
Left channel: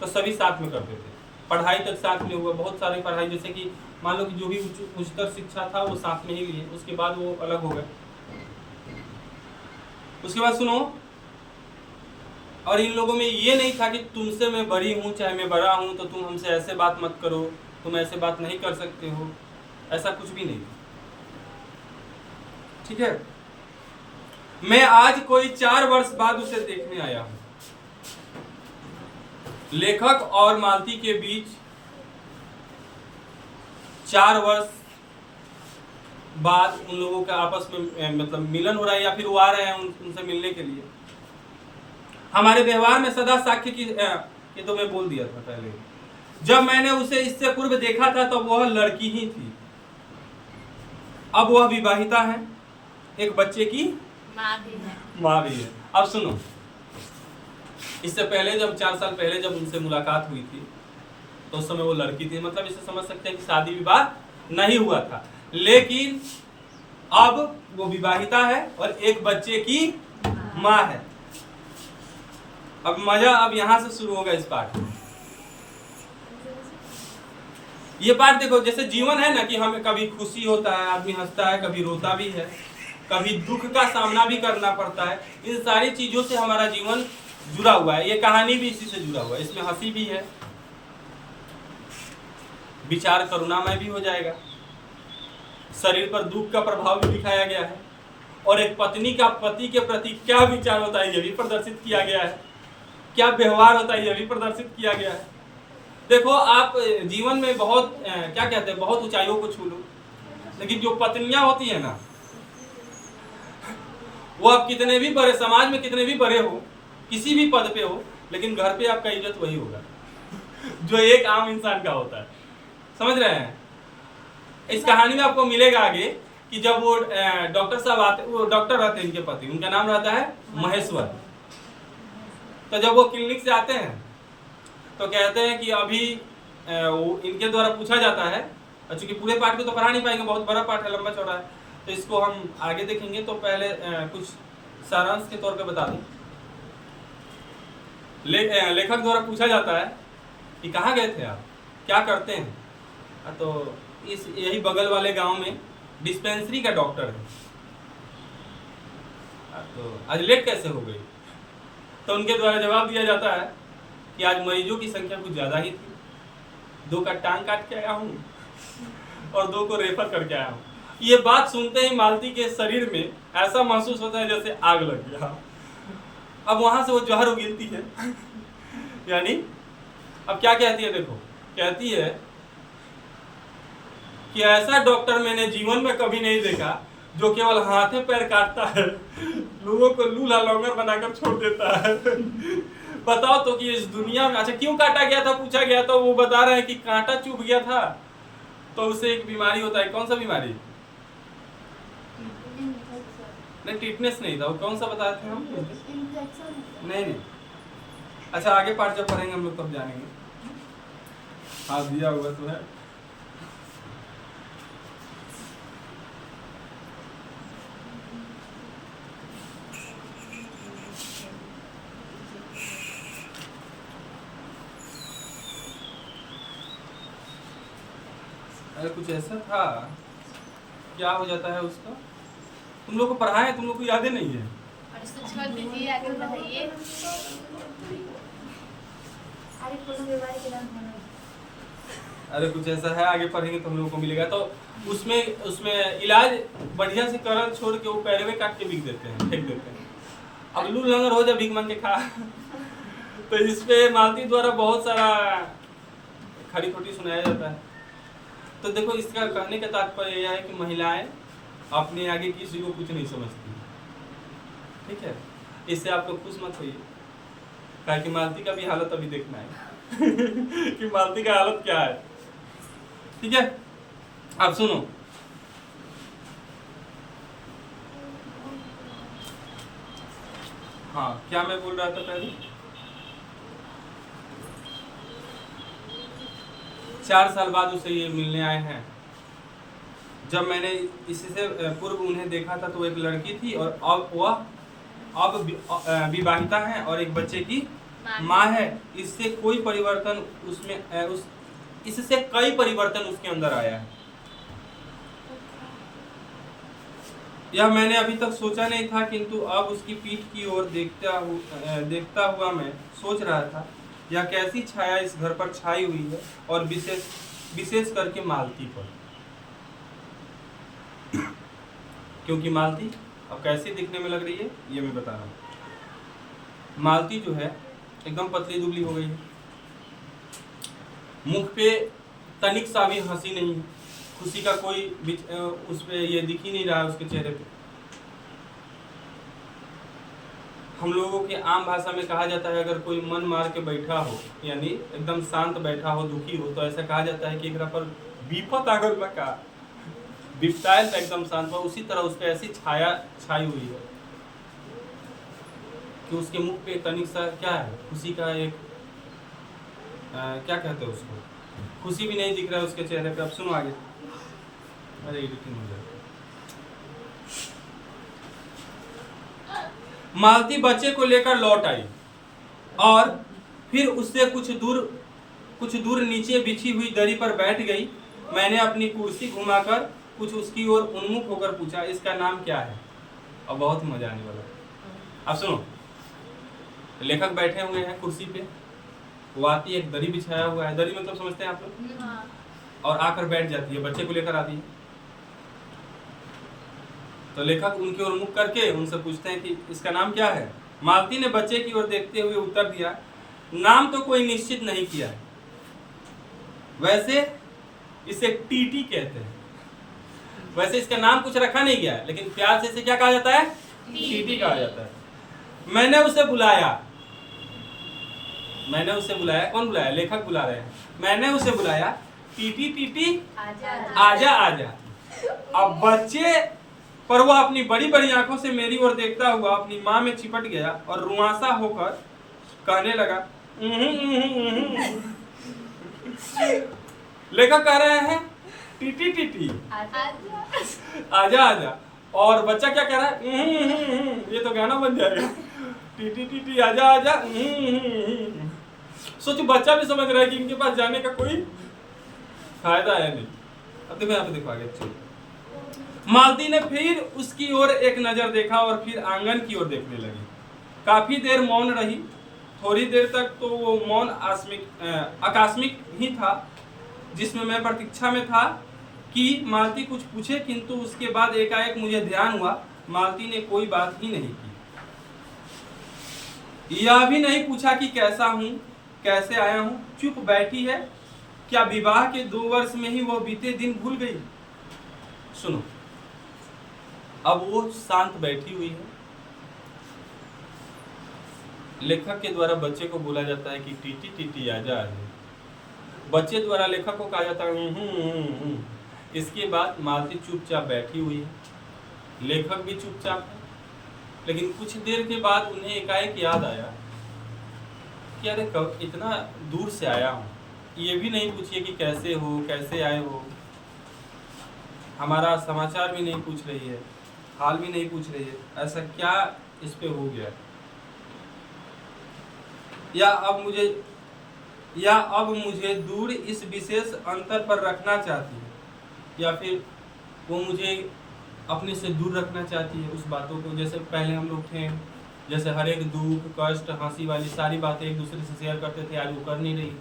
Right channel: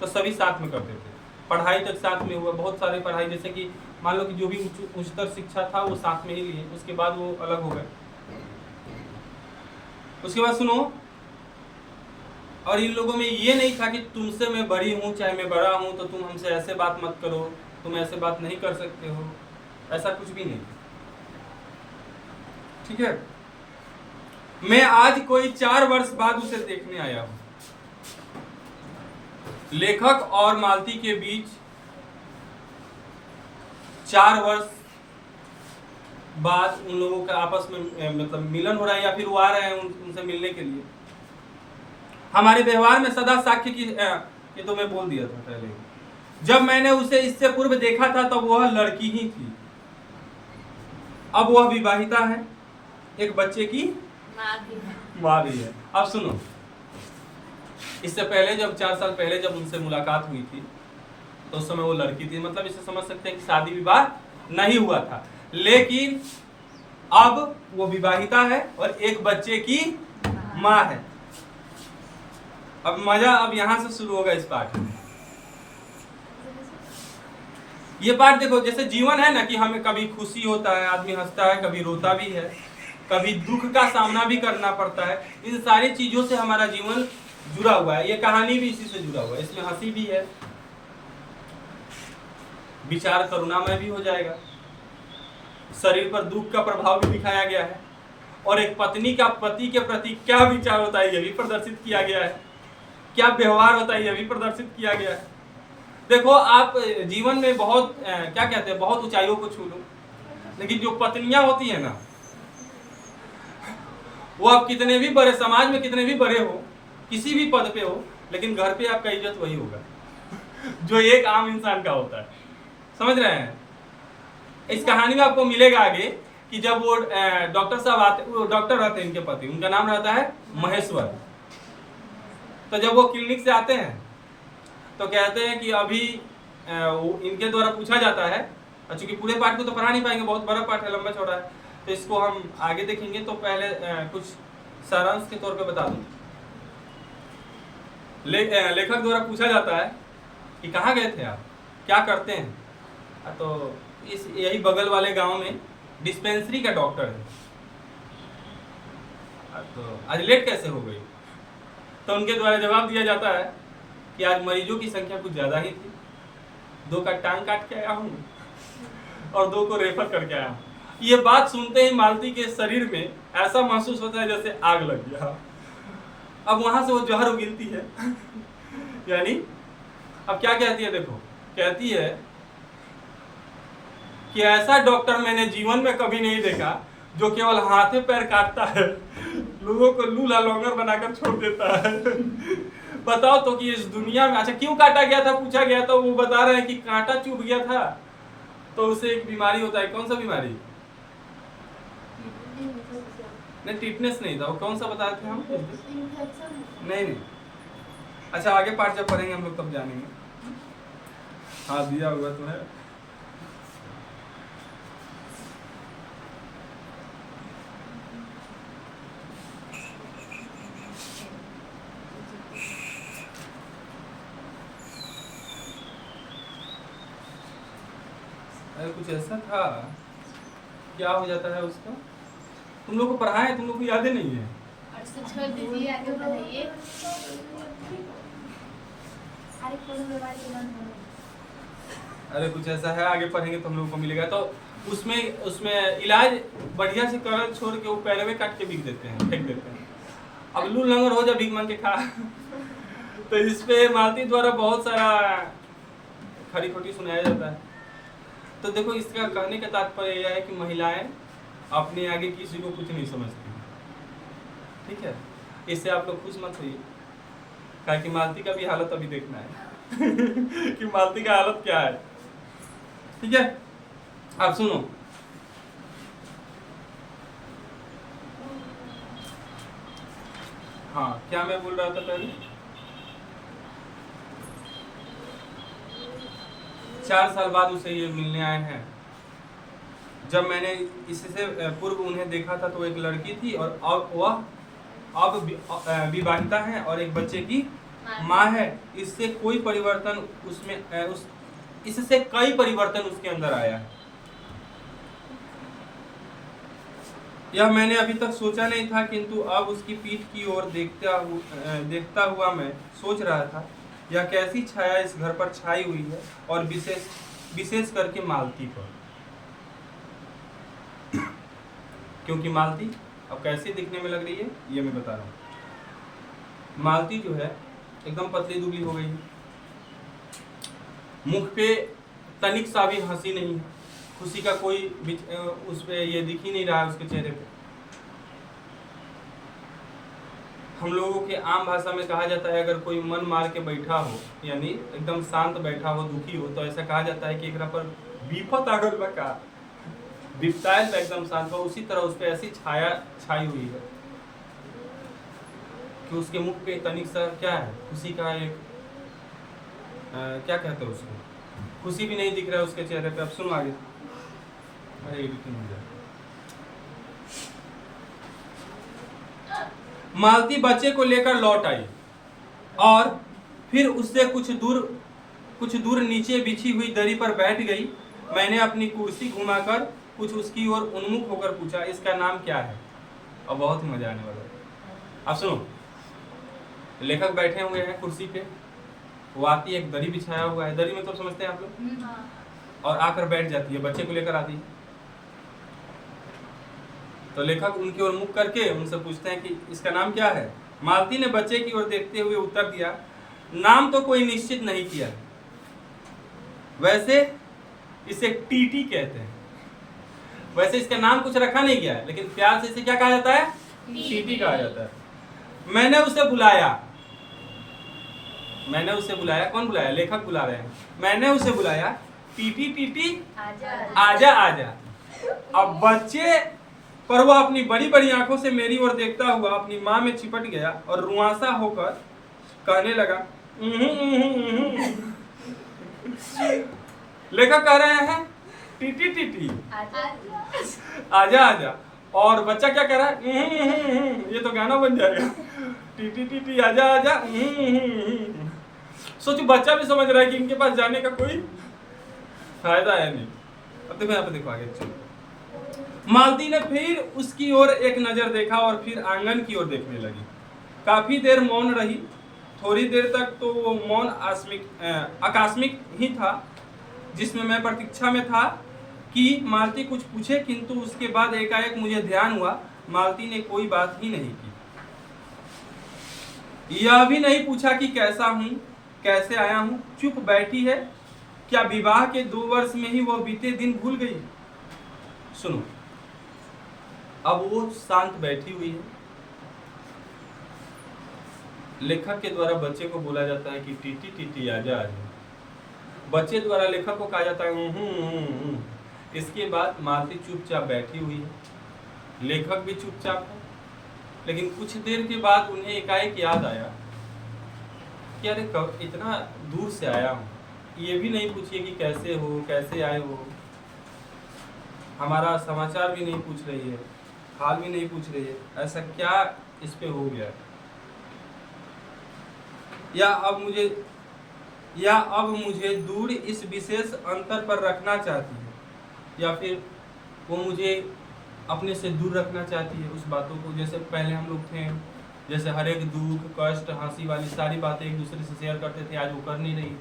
तो सभी साथ में करते थे। पढ़ाई तक साथ में हुआ, बहुत सारी पढ़ाई, जैसे कि मान लो कि जो भी उच्चतर शिक्षा था वो साथ में ही लिए, उसके बाद वो अलग हो गए। उसके बाद सुनो, और इन लोगों में ये नहीं था कि तुमसे मैं बड़ी हूँ चाहे मैं बड़ा हूँ तो तुम हमसे ऐसे बात मत करो, तुम ऐसे बात नहीं कर सकते हो, ऐसा कुछ भी नहीं। ठीक है, मैं आज कोई 4 वर्ष बाद उसे देखने आया हूं। लेखक और मालती के बीच 4 वर्ष बाद उन लोगों का आपस में मतलब मिलन हो रहा है, या फिर वो आ रहे हैं उनसे मिलने के लिए। हमारे व्यवहार में सदा साक्ष्य की, ये तो मैं बोल दिया था पहले। जब मैंने उसे इससे पूर्व देखा था तब तो वह लड़की ही थी, अब वह विवाहिता है, एक बच्चे की माँ भी है। अब सुनो, इससे पहले जब 4 साल पहले जब उनसे मुलाकात हुई थी तो उस समय वो लड़की थी, मतलब इसे समझ सकते हैं कि शादी विवाह नहीं हुआ था, लेकिन अब वो विवाहिता है और एक बच्चे की माँ है। अब मजा अब यहां से शुरू होगा इस पाठ में। ये पाठ देखो, जैसे जीवन है ना कि हमें कभी खुशी होता है, आदमी हंसता है, कभी रोता भी है, कभी दुख का सामना भी करना पड़ता है। इन सारी चीजों से हमारा जीवन जुड़ा हुआ है। ये कहानी भी इसी से जुड़ा हुआ है। इसमें हंसी भी है, विचार करुणामय भी हो जाएगा, शरीर पर दुख का प्रभाव भी दिखाया गया है, और एक पत्नी का पति के प्रति क्या विचार होता है यह भी प्रदर्शित किया गया है, क्या व्यवहार होता है यह भी प्रदर्शित किया गया है। देखो, आप जीवन में बहुत क्या कहते हैं, बहुत ऊंचाइयों को छू लो, लेकिन जो पत्नियां होती है ना, वो आप कितने भी बड़े समाज में, कितने भी बड़े हो, किसी भी पद पे हो, लेकिन घर पे आपका इज्जत वही होगा जो एक आम इंसान का होता है। समझ रहे हैं? इस कहानी में आपको मिलेगा आगे कि जब वो डॉक्टर साहब आते, वो डॉक्टर रहते हैं, इनके पति, उनका नाम रहता है महेश्वर। तो जब वो क्लिनिक से आते हैं तो कहते हैं कि अभी वो इनके द्वारा पूछा जाता है, चूंकि पूरे पाठ को तो पढ़ा नहीं पाएंगे, बहुत बड़ा पाठ है, लंबा चौड़ा है, तो इसको हम आगे देखेंगे। तो पहले कुछ सारांश के तौर पे बता दूं। लेखक द्वारा पूछा जाता है कि कहाँ गए थे आप, क्या करते हैं? तो इस यही बगल वाले गांव में डिस्पेंसरी का डॉक्टर है। तो आज लेट कैसे हो गई? तो उनके द्वारा जवाब दिया जाता है कि आज मरीजों की संख्या कुछ ज़्यादा ही थी, 2 का टांग काट के आया हूँ और 2 को रेफर करके आया हूँ। ये बात सुनते ही मालती के शरीर में ऐसा महसूस होता है जैसे आग लग गया। अब वहाँ से वो जहर उगलती है, यानी अब क्या कहती है देखो, कहती है कि ऐसा डॉक्टर मैंने जीवन में कभी नहीं देखा जो केवल हाथे पैर काटता है, लोगों को लूला लौंगर बनाकर छोड़ देता है। बताओ तो कि इस दुनिया में, अच्छा क्यों काटा गया था पूछा गया तो वो बता रहे हैं कि कांटा चुभ गया था तो उसे एक बीमारी होता है। कौन सा बीमारी? नहीं, टिटनेस नहीं था, वो कौन सा बताए थे हम? नहीं। अच्छा आगे पार्ट जब पढ़ेंगे हम लोग तब जानेंगे। हाँ दिया होगा तो है। अरे कुछ ऐसा था, क्या हो जाता है उसको, तुम लोग को पढ़ाए, तुम लोग को यादें नहीं है। अरे कुछ ऐसा है, आगे पढ़ेंगे तो हम लोगों को मिलेगा। तो उसमें इलाज बढ़िया से कर छोड़ के वो पैरवे काट के बिक देते हैं, फेंक देते हैं। अब लूल लंगर हो जा, भीख मांग के खा। तो इस पे मालती द्वारा बहुत सारा खरी खोटी सुनाया जाता है। तो देखो इसका कहने का तात्पर्य यह है कि महिलाएं अपने आगे किसी को कुछ नहीं समझती, ठीक है। इससे आप लोग खुश मत होइए, कहा कि मालती का भी हालत अभी देखना है कि मालती का हालत क्या है, ठीक है। अब सुनो, हाँ क्या मैं बोल रहा था पहले, 4 साल बाद उसे ये मिलने आए हैं। जब मैंने इससे पूर्व उन्हें देखा था तो एक लड़की थी और अब वह विवाहिता है और एक बच्चे की माँ है। इससे कोई परिवर्तन इससे कई परिवर्तन उसके अंदर आया है। यह मैंने अभी तक सोचा नहीं था, किंतु अब उसकी पीठ की ओर देखता हुआ मैं सोच रहा था यह कैसी छाया इस घर पर छाई हुई है, और विशेष करके मालती पर। क्योंकि मालती अब कैसी दिखने में लग रही है ये मैं बता रहा हूँ। मालती जो है एकदम पतली दुबली हो गई है, मुख पे तनिक सा भी हंसी नहीं है, खुशी का कोई उस पे ये दिख ही नहीं रहा है उसके चेहरे पे। हम लोगों के आम भाषा में कहा जाता है अगर कोई मन मार के बैठा हो, यानी एकदम शांत बैठा हो, दुखी हो, तो ऐसा कहा जाता है कि एकरा पर विपत आ गइल बा का, विपतायल पे एकदम शांत हो। उसी तरह उस पे ऐसी छाया छाई हुई है कि उसके मुख पे तनिक सा क्या है, खुशी का एक क्या कहते हैं उसको, खुशी भी नहीं दिख रहा है उसके चेहरे पे। अब सुनो आगे, अरे एडिटिंग हो जाए। मालती बच्चे को लेकर लौट आई और फिर उससे कुछ दूर नीचे बिछी हुई दरी पर बैठ गई। मैंने अपनी कुर्सी घुमाकर कुछ उसकी ओर उन्मुख होकर पूछा, इसका नाम क्या है? और बहुत ही मजा आने वाला है। अब सुनो, लेखक बैठे हुए हैं कुर्सी पे, वो आती है, एक दरी बिछाया हुआ है, दरी मतलब समझते हैं आप लोग, और आकर बैठ जाती है, बच्चे को लेकर आती है। तो लेखक उनकी ओर मुख करके उनसे पूछते हैं कि इसका नाम क्या है? मालती ने बच्चे की ओर देखते हुए उत्तर दिया, नाम तो कोई निश्चित नहीं किया है, वैसे इसे टीटी कहते हैं। वैसे इसका नाम कुछ रखा नहीं गया है, लेकिन प्यार से इसे क्या कहा जाता है? टीटी कहा जाता है। मैंने उसे बुलाया, कौन बुलाया? लेखक बुला रहे हैं। मैंने उसे बुलाया, टीटी टीटी आजा आजा। अब बच्चे पर वह अपनी बड़ी बड़ी आंखों से मेरी ओर देखता हुआ अपनी माँ में चिपट गया और रुआंसा होकर कहने लगा, लेखक कह रहे हैं टीटी टीटी आजा आजा, और बच्चा क्या कह रहा है? ये तो गाना बन जाएगा, टीटी टीटी आजा आजा। सोचो बच्चा भी समझ रहा है कि इनके पास जाने का कोई फायदा है नहीं। अब देखो यहाँ पे, देखो आगे चलो। मालती ने फिर उसकी ओर एक नजर देखा और फिर आंगन की ओर देखने लगी। काफी देर मौन रही। थोड़ी देर तक तो वो मौन आकस्मिक ही था, जिसमें मैं प्रतीक्षा में था कि मालती कुछ पूछे, किंतु उसके बाद एकाएक मुझे ध्यान हुआ मालती ने कोई बात ही नहीं की। यह भी नहीं पूछा कि कैसा हूँ, कैसे आया हूँ, चुप बैठी है, क्या विवाह के 2 वर्ष में ही वह बीते दिन भूल गई। सुनो, अब वो शांत बैठी हुई है। लेखक के द्वारा बच्चे को बोला जाता है कि टीटी टीटी आजा आजा। बच्चे द्वारा लेखक को कहा जाता है इसके बाद मालती चुपचाप बैठी हुई है, लेखक भी चुपचाप है। लेकिन कुछ देर के बाद उन्हें एकाएक याद आया कि अरे कब इतना दूर से आया हूँ, ये भी नहीं पूछिए कि कैसे हो, कैसे आए हो, हमारा समाचार भी नहीं पूछ रही है, हाल भी नहीं पूछ रही है, ऐसा क्या इस पे हो गया, या अब मुझे दूर इस विशेष अंतर पर रखना चाहती है, या फिर वो मुझे अपने से दूर रखना चाहती है उस बातों को। जैसे पहले हम लोग थे, जैसे हर एक दुख कष्ट हंसी वाली सारी बातें एक दूसरे से शेयर करते थे, आज वो कर नहीं रही।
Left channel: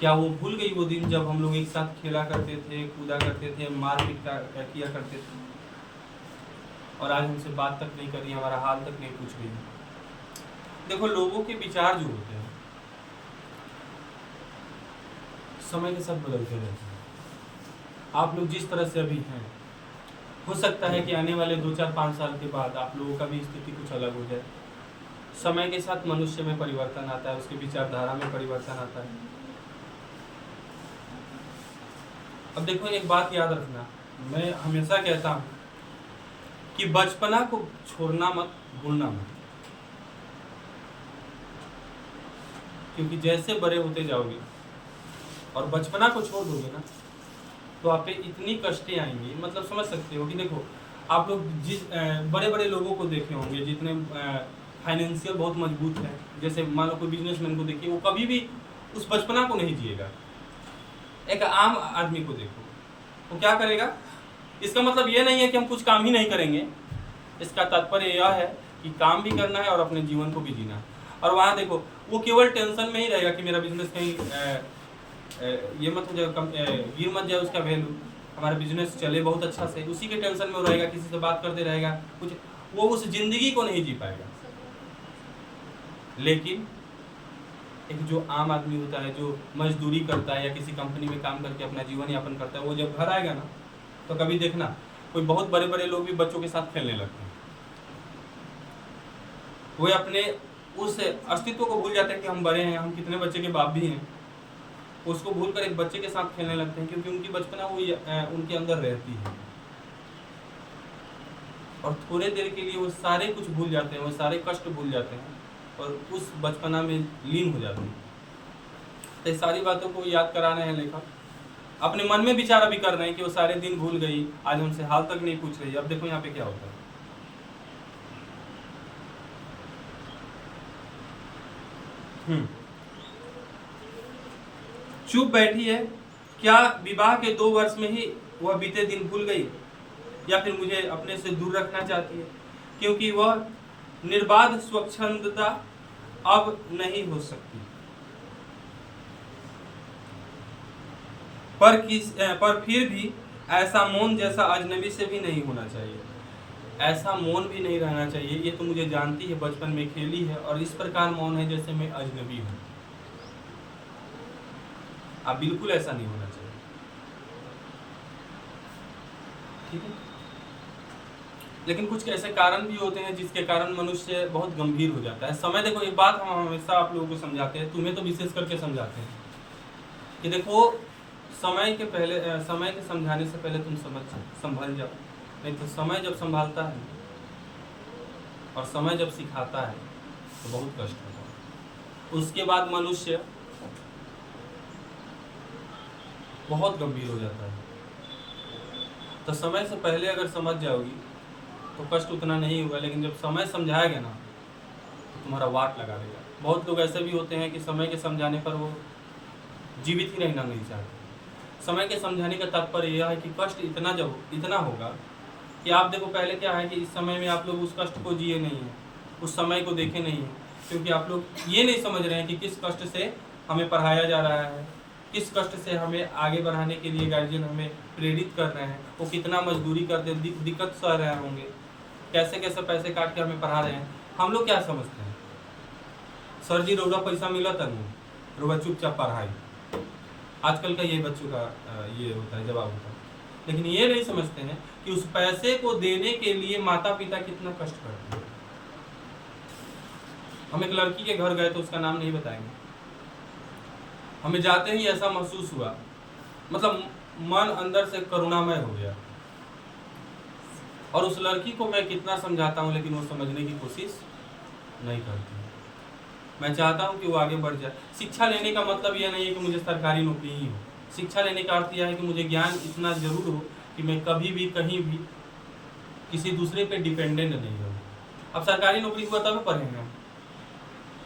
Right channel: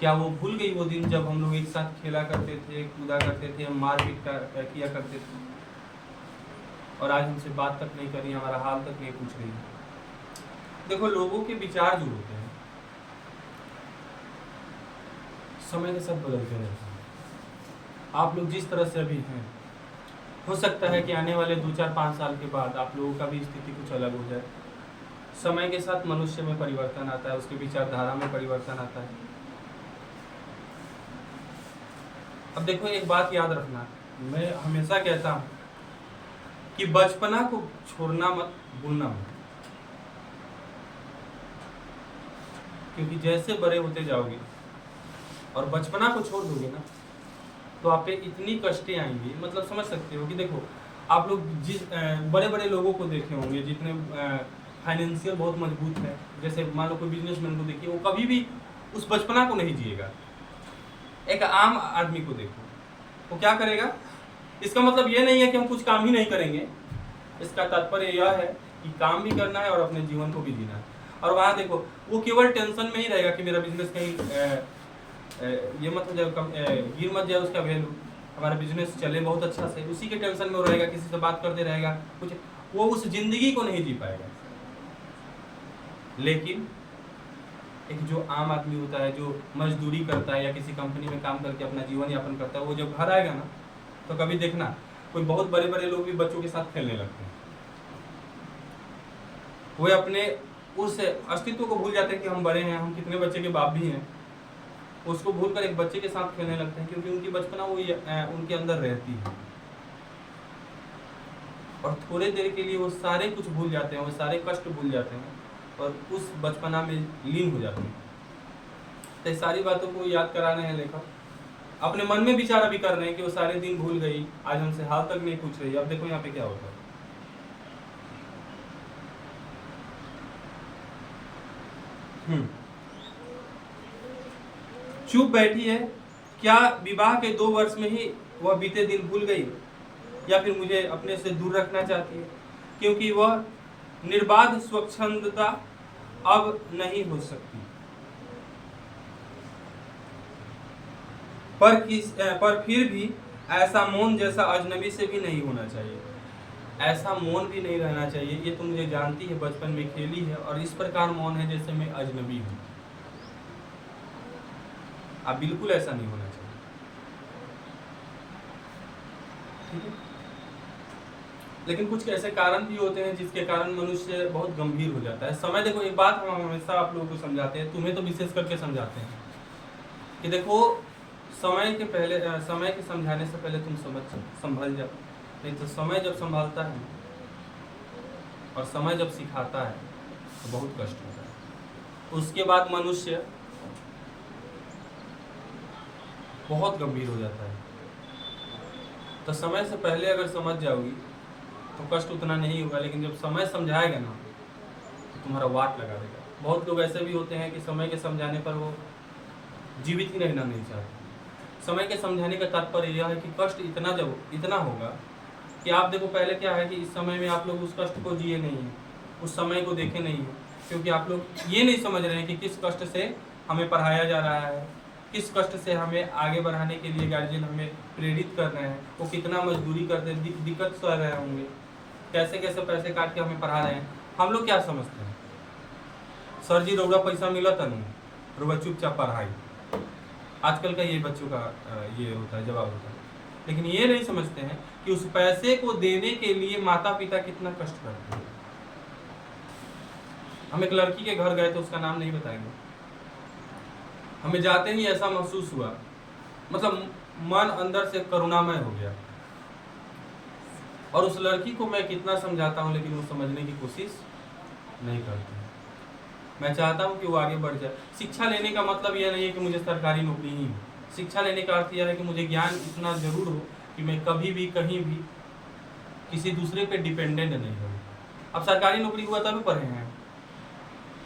क्या वो भूल गई वो दिन जब हम लोग एक साथ खेला करते थे, कूदा करते थे, मारपीट किया करते थे, और आज हमसे बात तक नहीं कर रही, हमारा हाल तक नहीं पूछ रही। देखो, लोगों के विचार जो होते हैं समय के साथ बदलते रहते हैं। आप लोग जिस तरह से अभी हैं, हो सकता है कि आने वाले 2, 4, 5 साल के बाद आप लोगों का भी स्थिति कुछ अलग हो जाए। समय के साथ मनुष्य में परिवर्तन आता है, उसके विचारधारा में परिवर्तन आता है। अब देखो, एक बात याद रखना, मैं हमेशा कहता हूँ कि बचपना को छोड़ना मत, भूलना मत, क्योंकि जैसे बड़े होते जाओगे और बचपना को छोड़ दोगे ना, तो आप पे इतनी कष्टें आएंगी, मतलब समझ सकते हो कि देखो, आप लोग जिस बड़े बड़े लोगों को देखे होंगे जितने फाइनेंशियल बहुत मजबूत है, जैसे मान लो कोई बिजनेसमैन को देखिए, वो कभी भी उस बचपना को नहीं जिएगा। एक आम आदमी को देखो, वो क्या करेगा। इसका मतलब ये नहीं है कि हम कुछ काम ही नहीं करेंगे, इसका तात्पर्य यह है कि काम भी करना है और अपने जीवन को भी जीना है। और वहाँ देखो, वो केवल टेंशन में ही रहेगा कि मेरा बिजनेस कहीं ये मत हो जाए, गिर मत जाए उसका वैल्यू, हमारा बिजनेस चले बहुत अच्छा से, उसी के टेंशन में वो रहेगा, किसी से बात करते रहेगा, कुछ वो उस जिंदगी को नहीं जी पाएगा। लेकिन एक जो आम आदमी होता है, जो मजदूरी करता है या किसी कंपनी में काम करके अपना जीवन यापन करता है, वो जब घर आएगा ना, तो कभी देखना कोई बहुत बड़े बड़े लोग भी बच्चों के साथ खेलने लगते हैं। वो अपने उस अस्तित्व को भूल जाते हैं कि हम बड़े हैं, हम कितने बच्चे के बाप भी हैं, उसको भूलकर एक बच्चे के साथ खेलने लगते हैं, क्योंकि उनकी बचपना वो उनके अंदर रहती है। और थोड़े देर के लिए वो सारे कुछ भूल जाते हैं, वो सारे कष्ट भूल जाते हैं और उस बचपना में लीन हो जाते हैं। तो ये सारी बातों को याद करा रहे हैं लेखक, अपने मन में विचार अभी कर रहे हैं कि वो सारे दिन भूल गई, आज हमसे हाल तक नहीं पूछ रही। अब देखो यहाँ पे क्या होता है। चुप बैठी है, क्या विवाह के 2 वर्ष में ही वह बीते दिन भूल गई, या फिर मुझे अपने से दूर रखना चाहती है, क्योंकि वह निर्बाध स्वच्छंदता अब नहीं हो सकती। पर फिर भी ऐसा मौन जैसा अजनबी से भी नहीं होना चाहिए, ऐसा मौन भी नहीं रहना चाहिए। ये तो मुझे जानती है, बचपन में खेली है, और इस प्रकार मौन है जैसे मैं अजनबी हूँ। आप बिल्कुल ऐसा नहीं होना चाहिए, ठीक है। लेकिन कुछ ऐसे कारण भी होते हैं जिसके कारण मनुष्य बहुत गंभीर हो जाता है। समय, देखो एक बात हम हमेशा आप लोगों को समझाते हैं, तुम्हें तो विशेष करके समझाते हैं कि देखो, समय के समझाने से पहले तुम संभल जाओ, नहीं तो समय जब संभालता है और समय जब सिखाता है तो बहुत कष्ट होता है। उसके बाद मनुष्य बहुत गंभीर हो जाता है। तो समय से पहले अगर समझ जाओगी तो कष्ट उतना नहीं होगा, लेकिन जब समय समझाएगा ना तो तुम्हारा वाट लगा देगा। बहुत लोग ऐसे भी होते हैं कि समय के समझाने पर वो जीवित ही रहना नहीं चाहते। समय के समझाने का तात्पर्य यह है कि कष्ट इतना होगा कि आप देखो, पहले क्या है कि इस समय में आप लोग उस कष्ट को जिए नहीं हैं, उस समय को देखे नहीं हैं, क्योंकि आप लोग ये नहीं समझ रहे हैं कि किस कष्ट से हमें पढ़ाया जा रहा है, किस कष्ट से हमें आगे बढ़ाने के लिए गार्जियन हमें प्रेरित कर रहे हैं, वो कितना मजदूरी करते, दिक्कत सह रहे होंगे, कैसे कैसे पैसे काट के हमें पढ़ा रहे हैं। हम लोग क्या समझते हैं, सर जी रउरा पैसा मिला था नू, रउरा चुपचाप पढ़ाई। आजकल का ये बच्चों का ये होता है, जवाब होता है। लेकिन ये नहीं समझते हैं कि उस पैसे को देने के लिए माता पिता कितना कष्ट करते हैं। हम एक लड़की के घर गए तो उसका नाम नहीं बताएंगे, हमें जाते ही ऐसा महसूस हुआ, मतलब मन अंदर से करुणामय हो गया। और उस लड़की को मैं कितना समझाता हूँ लेकिन वो समझने की कोशिश नहीं करती। मैं चाहता हूँ कि वो आगे बढ़ जाए। शिक्षा लेने का मतलब यह नहीं है कि मुझे सरकारी नौकरी ही हो। शिक्षा लेने का अर्थ यह है कि मुझे ज्ञान इतना जरूर हो कि मैं कभी भी कहीं भी किसी दूसरे पे डिपेंडेंट नहीं रहूँ। अब सरकारी नौकरी हुआ तभी पढ़े हैं,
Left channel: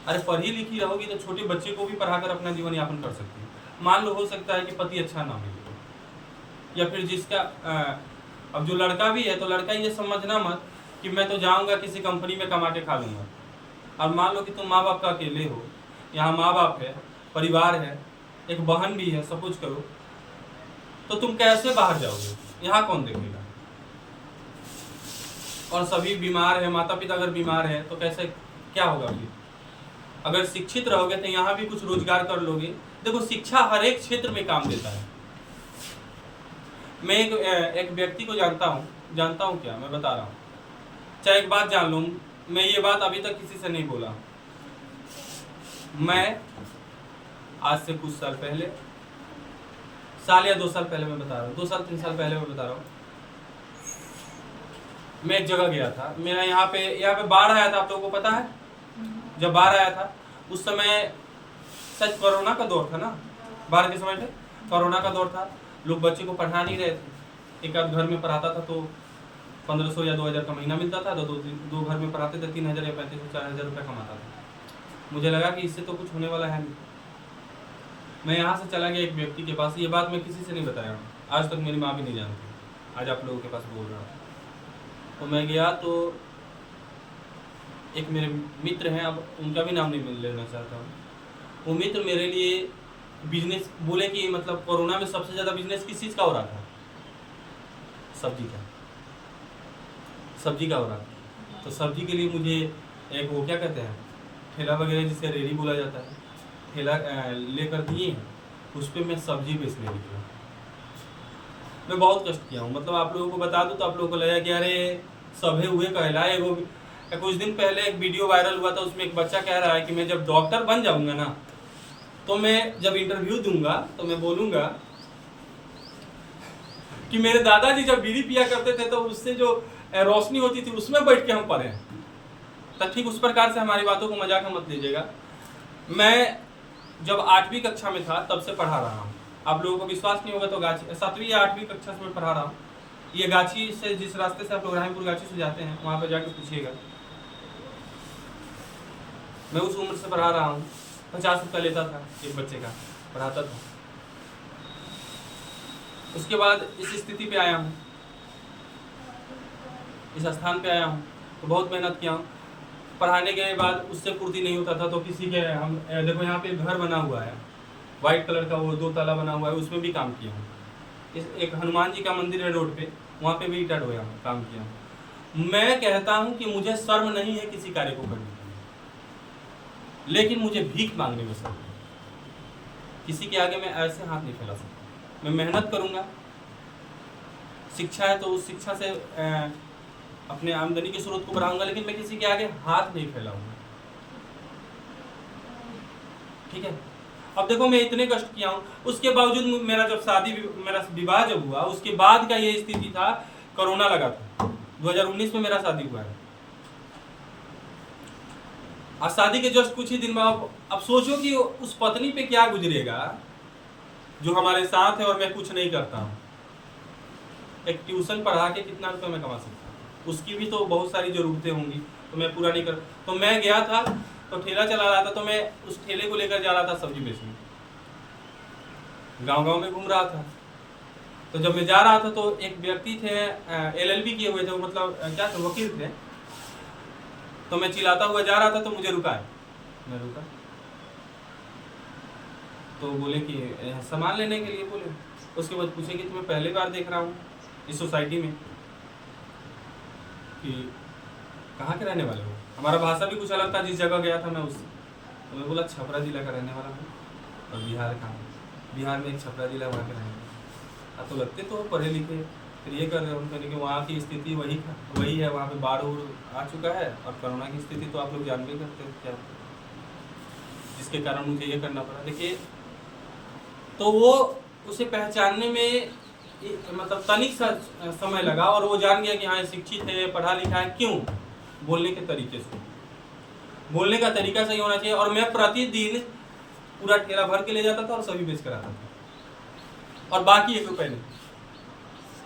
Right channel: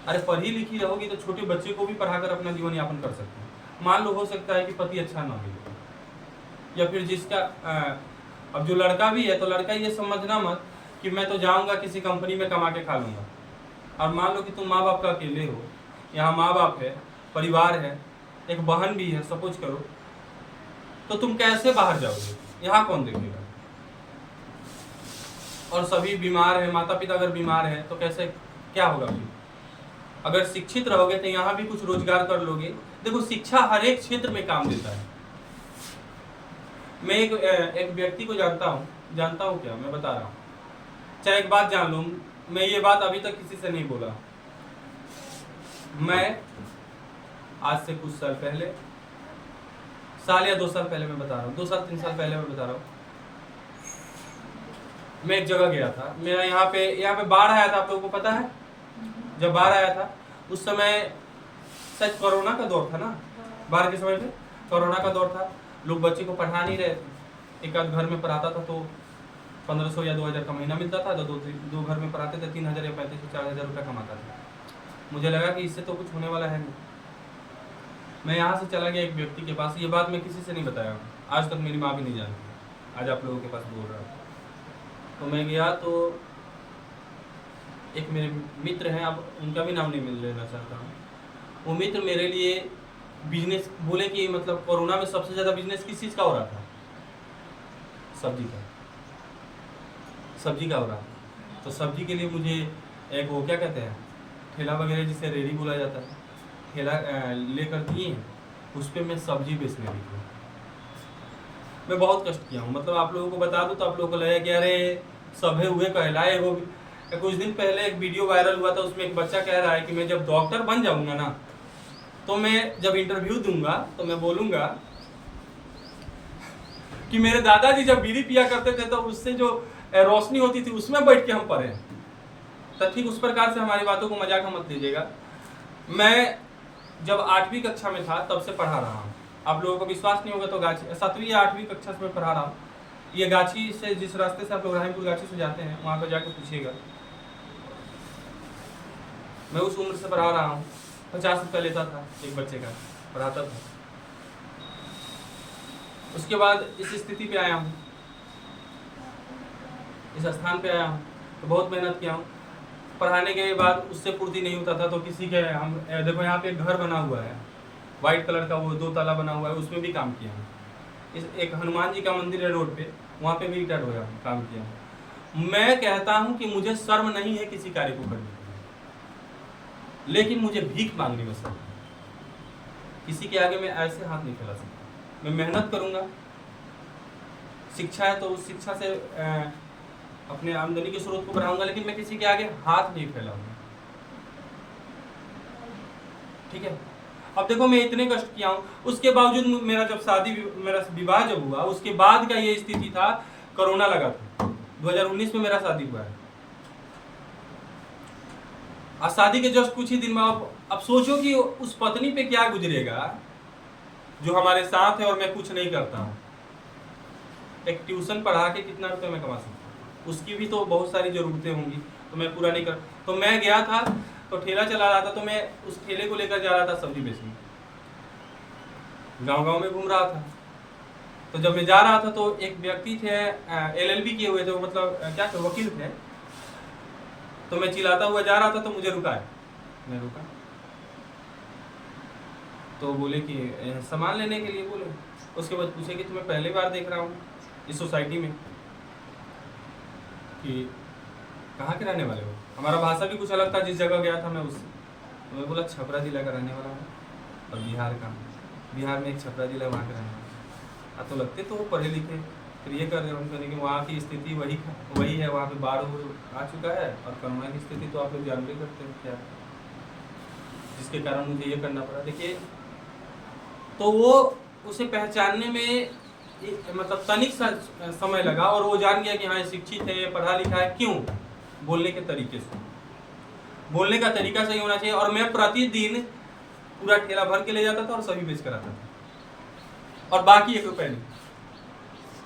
अरे पढ़ी लिखी रहोगी तो छोटे बच्चे को भी पढ़ाकर अपना जीवन यापन कर सकते हैं। मान लो हो सकता है कि पति अच्छा ना मिले, या फिर जिसका अब जो लड़का भी है तो लड़का ये समझना मत कि मैं तो जाऊंगा किसी कंपनी में कमा के खा लूंगा। और मान लो कि तुम माँ बाप का अकेले हो, यहाँ माँ बाप है, परिवार है, एक बहन भी है, सपोज करो, तो तुम कैसे बाहर जाओगे? यहाँ कौन देखेगा? और सभी बीमार है, माता पिता अगर बीमार है तो कैसे, क्या होगा फिर? अगर शिक्षित रहोगे तो यहाँ भी कुछ रोजगार कर लोगे। देखो शिक्षा हर एक क्षेत्र में काम देता है। मैं एक व्यक्ति को जानता हूँ क्या, मैं बता रहा हूँ, चाहे एक बात जान लो, मैं ये बात अभी तक किसी से नहीं बोला। मैं आज से कुछ साल पहले, साल या 2 साल पहले मैं बता रहा हूँ, 2 साल 3 साल पहले मैं बता रहा हूँ, मैं एक जगह गया था। मेरा यहाँ पे बाढ़ आया था, आप लोगों को पता है? जब बाढ़ आया था उस समय शायद कोरोना का दौर था ना, बाढ़ के समय पे कोरोना का दौर था, लोग बच्चे को पढ़ा नहीं रहे थे। एक आध घर में पढ़ाता था तो 1500 या 2000 का महीना मिलता था, तो दो घर में पढ़ाते थे, 3000 या 3500 4000 रुपये कमाता था। मुझे लगा कि इससे तो कुछ होने वाला है नहीं। मैं यहाँ से चला गया एक व्यक्ति के पास, ये बात मैं किसी से नहीं बताया हूँ, आज तक मेरी माँ भी नहीं जानती, आज आप लोगों के पास बोल रहा हूँ। तो मैं गया तो एक मेरे मित्र हैं, अब उनका भी नाम नहीं लेना चाहता हूँ। वो मित्र मेरे लिए बिजनेस बोले कि मतलब कोरोना में सबसे ज़्यादा बिजनेस किस चीज़ का हो रहा था? सब्जी का हो रहा था। तो सब्जी के लिए मुझे एक वो क्या कहते हैं, ठेला वगैरह जिसे रेडी बोला जाता है, ठेला लेकर दिए, उस पर मैं सब्जी बेचने निकला। मैं बहुत कष्ट किया हूँ, मतलब आप लोगों को बता दूँ तो आप लोगों को लगा कि अरे सभे हुए कहलाए। वो कुछ दिन पहले एक वीडियो वायरल हुआ था, उसमें एक बच्चा कह रहा है कि मैं जब डॉक्टर बन जाऊंगा ना, तो मैं जब इंटरव्यू दूंगा तो मैं बोलूंगा कि मेरे दादाजी जब बीड़ी पिया करते थे तो उससे जो रोशनी होती थी उसमें बैठ के हम पढ़े। तो ठीक उस प्रकार से हमारी बातों को मजाक में मत लीजिएगा। मैं जब 8वीं कक्षा में था तब से पढ़ा रहा हूँ। आप लोगों को विश्वास नहीं होगा तो गाछी 7वीं या 8वीं कक्षा से मैं पढ़ा रहा हूँ। ये गाछी से, जिस रास्ते से आप लोग राहिमपुर गाछी से जाते हैं, वहाँ पर जाकर पूछिएगा। मैं उस उम्र से पढ़ा रहा हूँ। 50 रुपये लेता था एक बच्चे का, पढ़ाता था। उसके बाद इस स्थिति पे आया हूँ, इस स्थान पे आया हूँ, तो बहुत मेहनत किया हूँ। पढ़ाने के बाद उससे पूर्ति नहीं होता था तो किसी के, हम देखो यहाँ पे एक घर बना हुआ है वाइट कलर का, वो 2 ताला बना हुआ है, उसमें भी काम किया हूँ। इस एक हनुमान जी का मंदिर है रोड पे, वहाँ पे भी ईंटा ढोया हूँ, काम किया हूँ। मैं कहता हूँ कि मुझे शर्म नहीं है किसी कार्य को करने की, लेकिन मुझे भीख मांगने में शर्म है। किसी के आगे मैं ऐसे हाथ नहीं फैला सकता। मैं मेहनत करूँगा, शिक्षा है तो उस शिक्षा से अपने आमदनी के स्रोत को बढ़ाऊंगा, लेकिन मैं किसी के आगे हाथ नहीं फैलाऊंगा। ठीक है? अब देखो मैं इतने कष्ट किया हूँ, उसके बावजूद मेरा विवाह जब हुआ, उसके बाद का ये स्थिति था, कोरोना लगा था। 2019 में मेरा शादी हुआ है। और शादी के जस्ट कुछ ही दिन में अब सोचो कि उस पत्नी पे क्या गुजरेगा जो हमारे साथ है और मैं कुछ नहीं करता हूँ। एक ट्यूशन पढ़ा के कितना रुपए मैं कमा सकता हूँ? उसकी भी तो बहुत सारी ज़रूरतें होंगी, तो मैं पूरा नहीं कर। तो मैं गया था तो ठेला चला रहा था, तो मैं उस ठेले को लेकर जा रहा था सब्जी बेचने, गांव-गांव में घूम रहा था। तो जब मैं जा रहा था तो एक व्यक्ति थे, LLB किए हुए थे, वो मतलब क्या थे, वकील थे। तो मैं चिल्लाता हुआ जा रहा था तो मुझे रुका है, मैं रुका तो बोले कि सामान लेने के लिए बोले। उसके बाद पूछे कि तुम्हें पहली बार देख रहा हूँ इस सोसाइटी में, कि कहाँ के रहने वाले हो? हमारा भाषा भी कुछ अलग था, जिस जगह गया था मैं उससे। तो मैं बोला छपरा जिला का रहने वाला हूँ और बिहार का हूँ, बिहार में एक छपरा जिला वहाँ के रहने वाला। तो लगते तो पढ़े लिखे, फिर ये कर रहे हो उनका, कि वहाँ की स्थिति वही है, वहाँ पे बाढ़ आ चुका है और कोरोना की स्थिति तो आप लोग जानते ही करते हो क्या, जिसके कारण मुझे ये करना पड़ा। देखिए, तो वो उसे पहचानने में मतलब तनिक सा समय लगा और वो जान गया कि हाँ, शिक्षित है, पढ़ा लिखा है। क्यों? बोलने के तरीके से, बोलने का तरीका सही होना चाहिए। और मैं प्रतिदिन पूरा ठेला भर के ले जाता था और सभी बेच कर आता था, और बाकी 1 रुपये नहीं।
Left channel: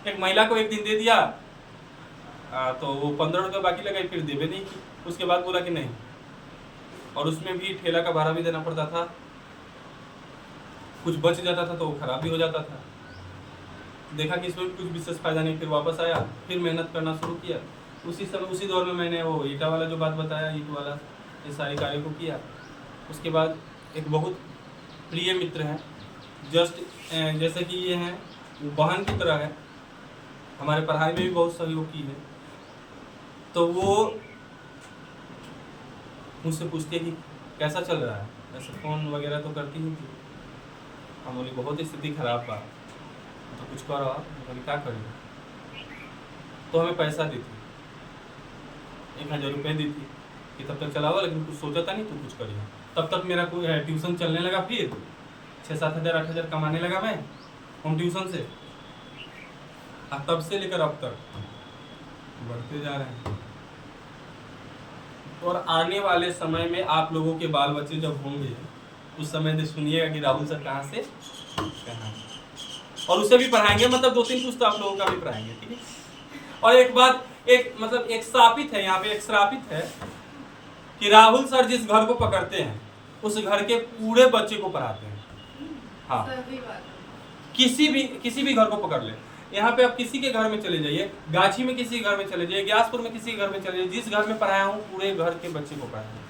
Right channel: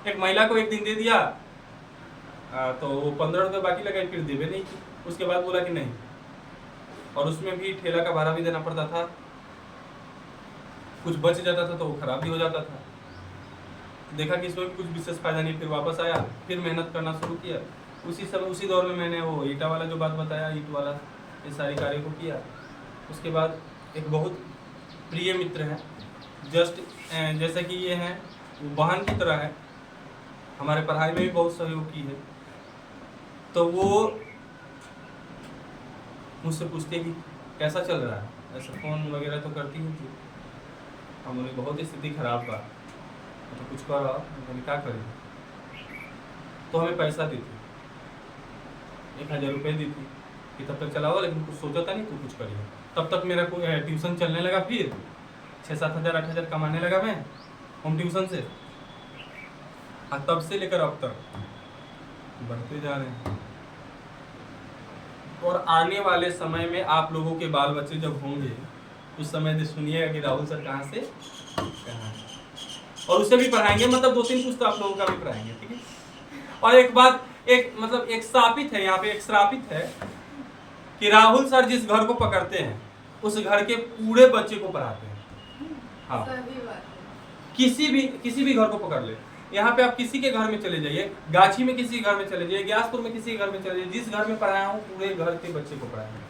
एक महिला को एक दिन दे दिया तो वो 15 रुपये बाकी लगाई, फिर देवे नहीं की। उसके बाद बोला कि नहीं, और उसमें भी ठेला का भाड़ा भी देना पड़ता था, कुछ बच जाता था तो वो खराब भी हो जाता था। देखा कि इसमें भी कुछ विशेष फायदा नहीं, फिर वापस आया, फिर मेहनत करना शुरू किया। उसी समय उसी दौर में मैंने वो ईटा वाला जो बात बताया, ईट वाला, ये सारी कार्य को किया। उसके बाद एक बहुत प्रिय मित्र है, जस्ट जैसे कि ये हैं, वो बहन की तरह है, हमारे पढ़ाई में भी बहुत सहयोग की है। तो वो मुझसे पूछती है कि कैसा चल रहा है, ऐसा फ़ोन वगैरह तो करती ही थी। हम बोले बहुत स्थिति खराब बा, तो कुछ करो। बोले क्या करी? तो हमें पैसा दी थी, 1000 रुपये दी थी कि तब तक चलाओ, लेकिन कुछ सोचा था नहीं तू कुछ करिए। तब तक मेरा कोई ट्यूशन चलने लगा, फिर 6-7 हज़ार 8 हज़ार कमाने लगा मैं होम ट्यूशन से। और तब से लेकर अब तक बढ़ते जा रहे हैं। और आने वाले समय में आप लोगों के बाल बच्चे जब होंगे, उस समय से सुनिएगा कि राहुल सर कहाँ से कहाँ है, और उसे भी पढ़ाएंगे, मतलब 2-3 पुस्तक आप लोगों का भी पढ़ाएंगे, ठीक है। और एक बात, एक श्रापित है यहाँ पे, एक श्रापित है कि राहुल सर जिस घर को पकड़ते हैं उस घर के पूरे बच्चे को पढ़ाते हैं। हाँ, किसी भी घर को पकड़ ले, यहाँ पे आप किसी के घर में चले जाइए, गाछी में किसी के घर में चले जाइए, ग्यासपुर में किसी के घर में चले जाइए, जिस घर में पढ़ाया हूँ पूरे घर के बच्चे को पढ़ाया हूँ।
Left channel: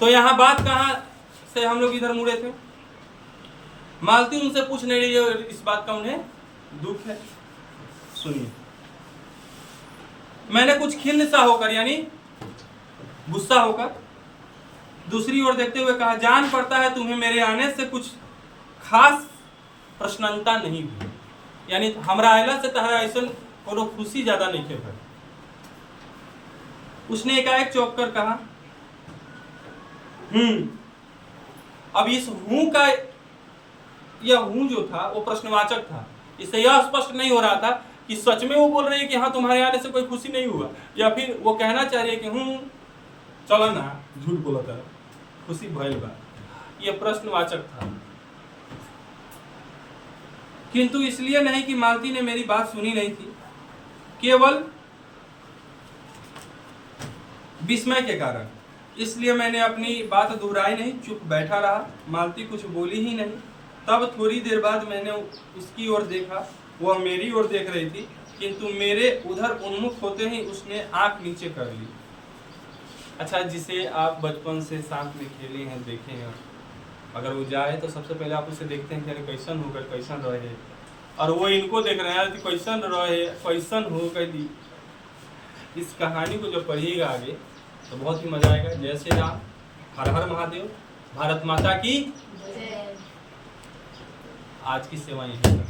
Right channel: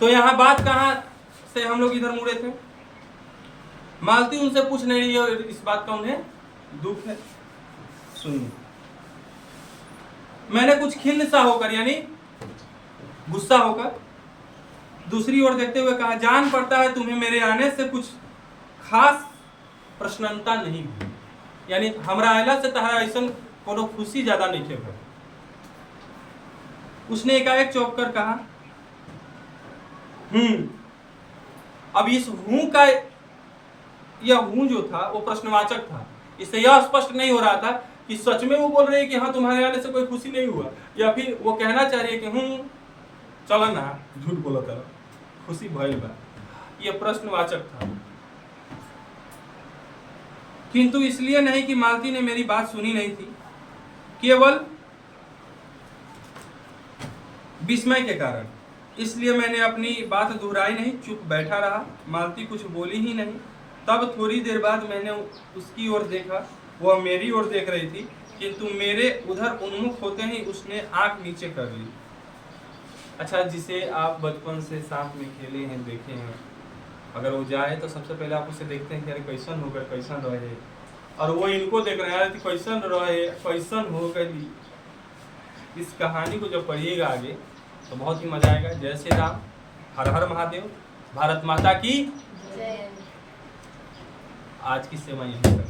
तो यहाँ बात कहाँ से हम लोग इधर मुड़े थे? मालती उनसे पूछ नहीं रही है, इस बात का उन्हें दुख है। सुनिए, मैंने कुछ खिन्न सा होकर, यानी गुस्सा होकर, दूसरी ओर देखते हुए कहा, जान पड़ता है तुम्हें मेरे आने से कुछ खास प्रसन्नता नहीं हुई, यानी हमरा आयला से तहरा ऐसा कोनो खुशी ज्यादा नहीं के भाई। उसने एकाएक चौंक कर कहा, अब इस हूं का, यह हूं जो था वो प्रश्नवाचक था। इससे यह स्पष्ट नहीं हो रहा था कि सच में वो बोल रही है कि हाँ तुम्हारे आने से कोई खुशी नहीं हुआ, या फिर वो कहना चाह रही है कि चला ना, झूठ बोला था, खुशी भइल बा। यह प्रश्नवाचक था। किंतु इसलिए नहीं कि मालती ने मेरी बात सुनी नहीं थी, केवल विस्मय के कारण। इसलिए मैंने अपनी बात दोहराई नहीं, चुप बैठा रहा। मालती कुछ बोली ही नहीं। तब थोड़ी देर बाद मैंने उसकी ओर देखा, वह मेरी ओर देख रही थी, किंतु मेरे उधर उन्मुख होते ही उसने आंख नीचे कर ली। अच्छा, जिसे आप बचपन से साथ में खेले हैं, देखे हैं, अगर वो जाए तो सबसे पहले आप उसे देखते हैं कि अरे कैसन होकर कैसन रहे, और वो इनको देख रहे हैं कैसन रहे, कैसन हो गई। इस कहानी को जब पढ़िएगा आगे तो बहुत ही मजा आएगा। जय श्री राम, हर हर महादेव, भारत माता की। आज की सेवा यहीं तक।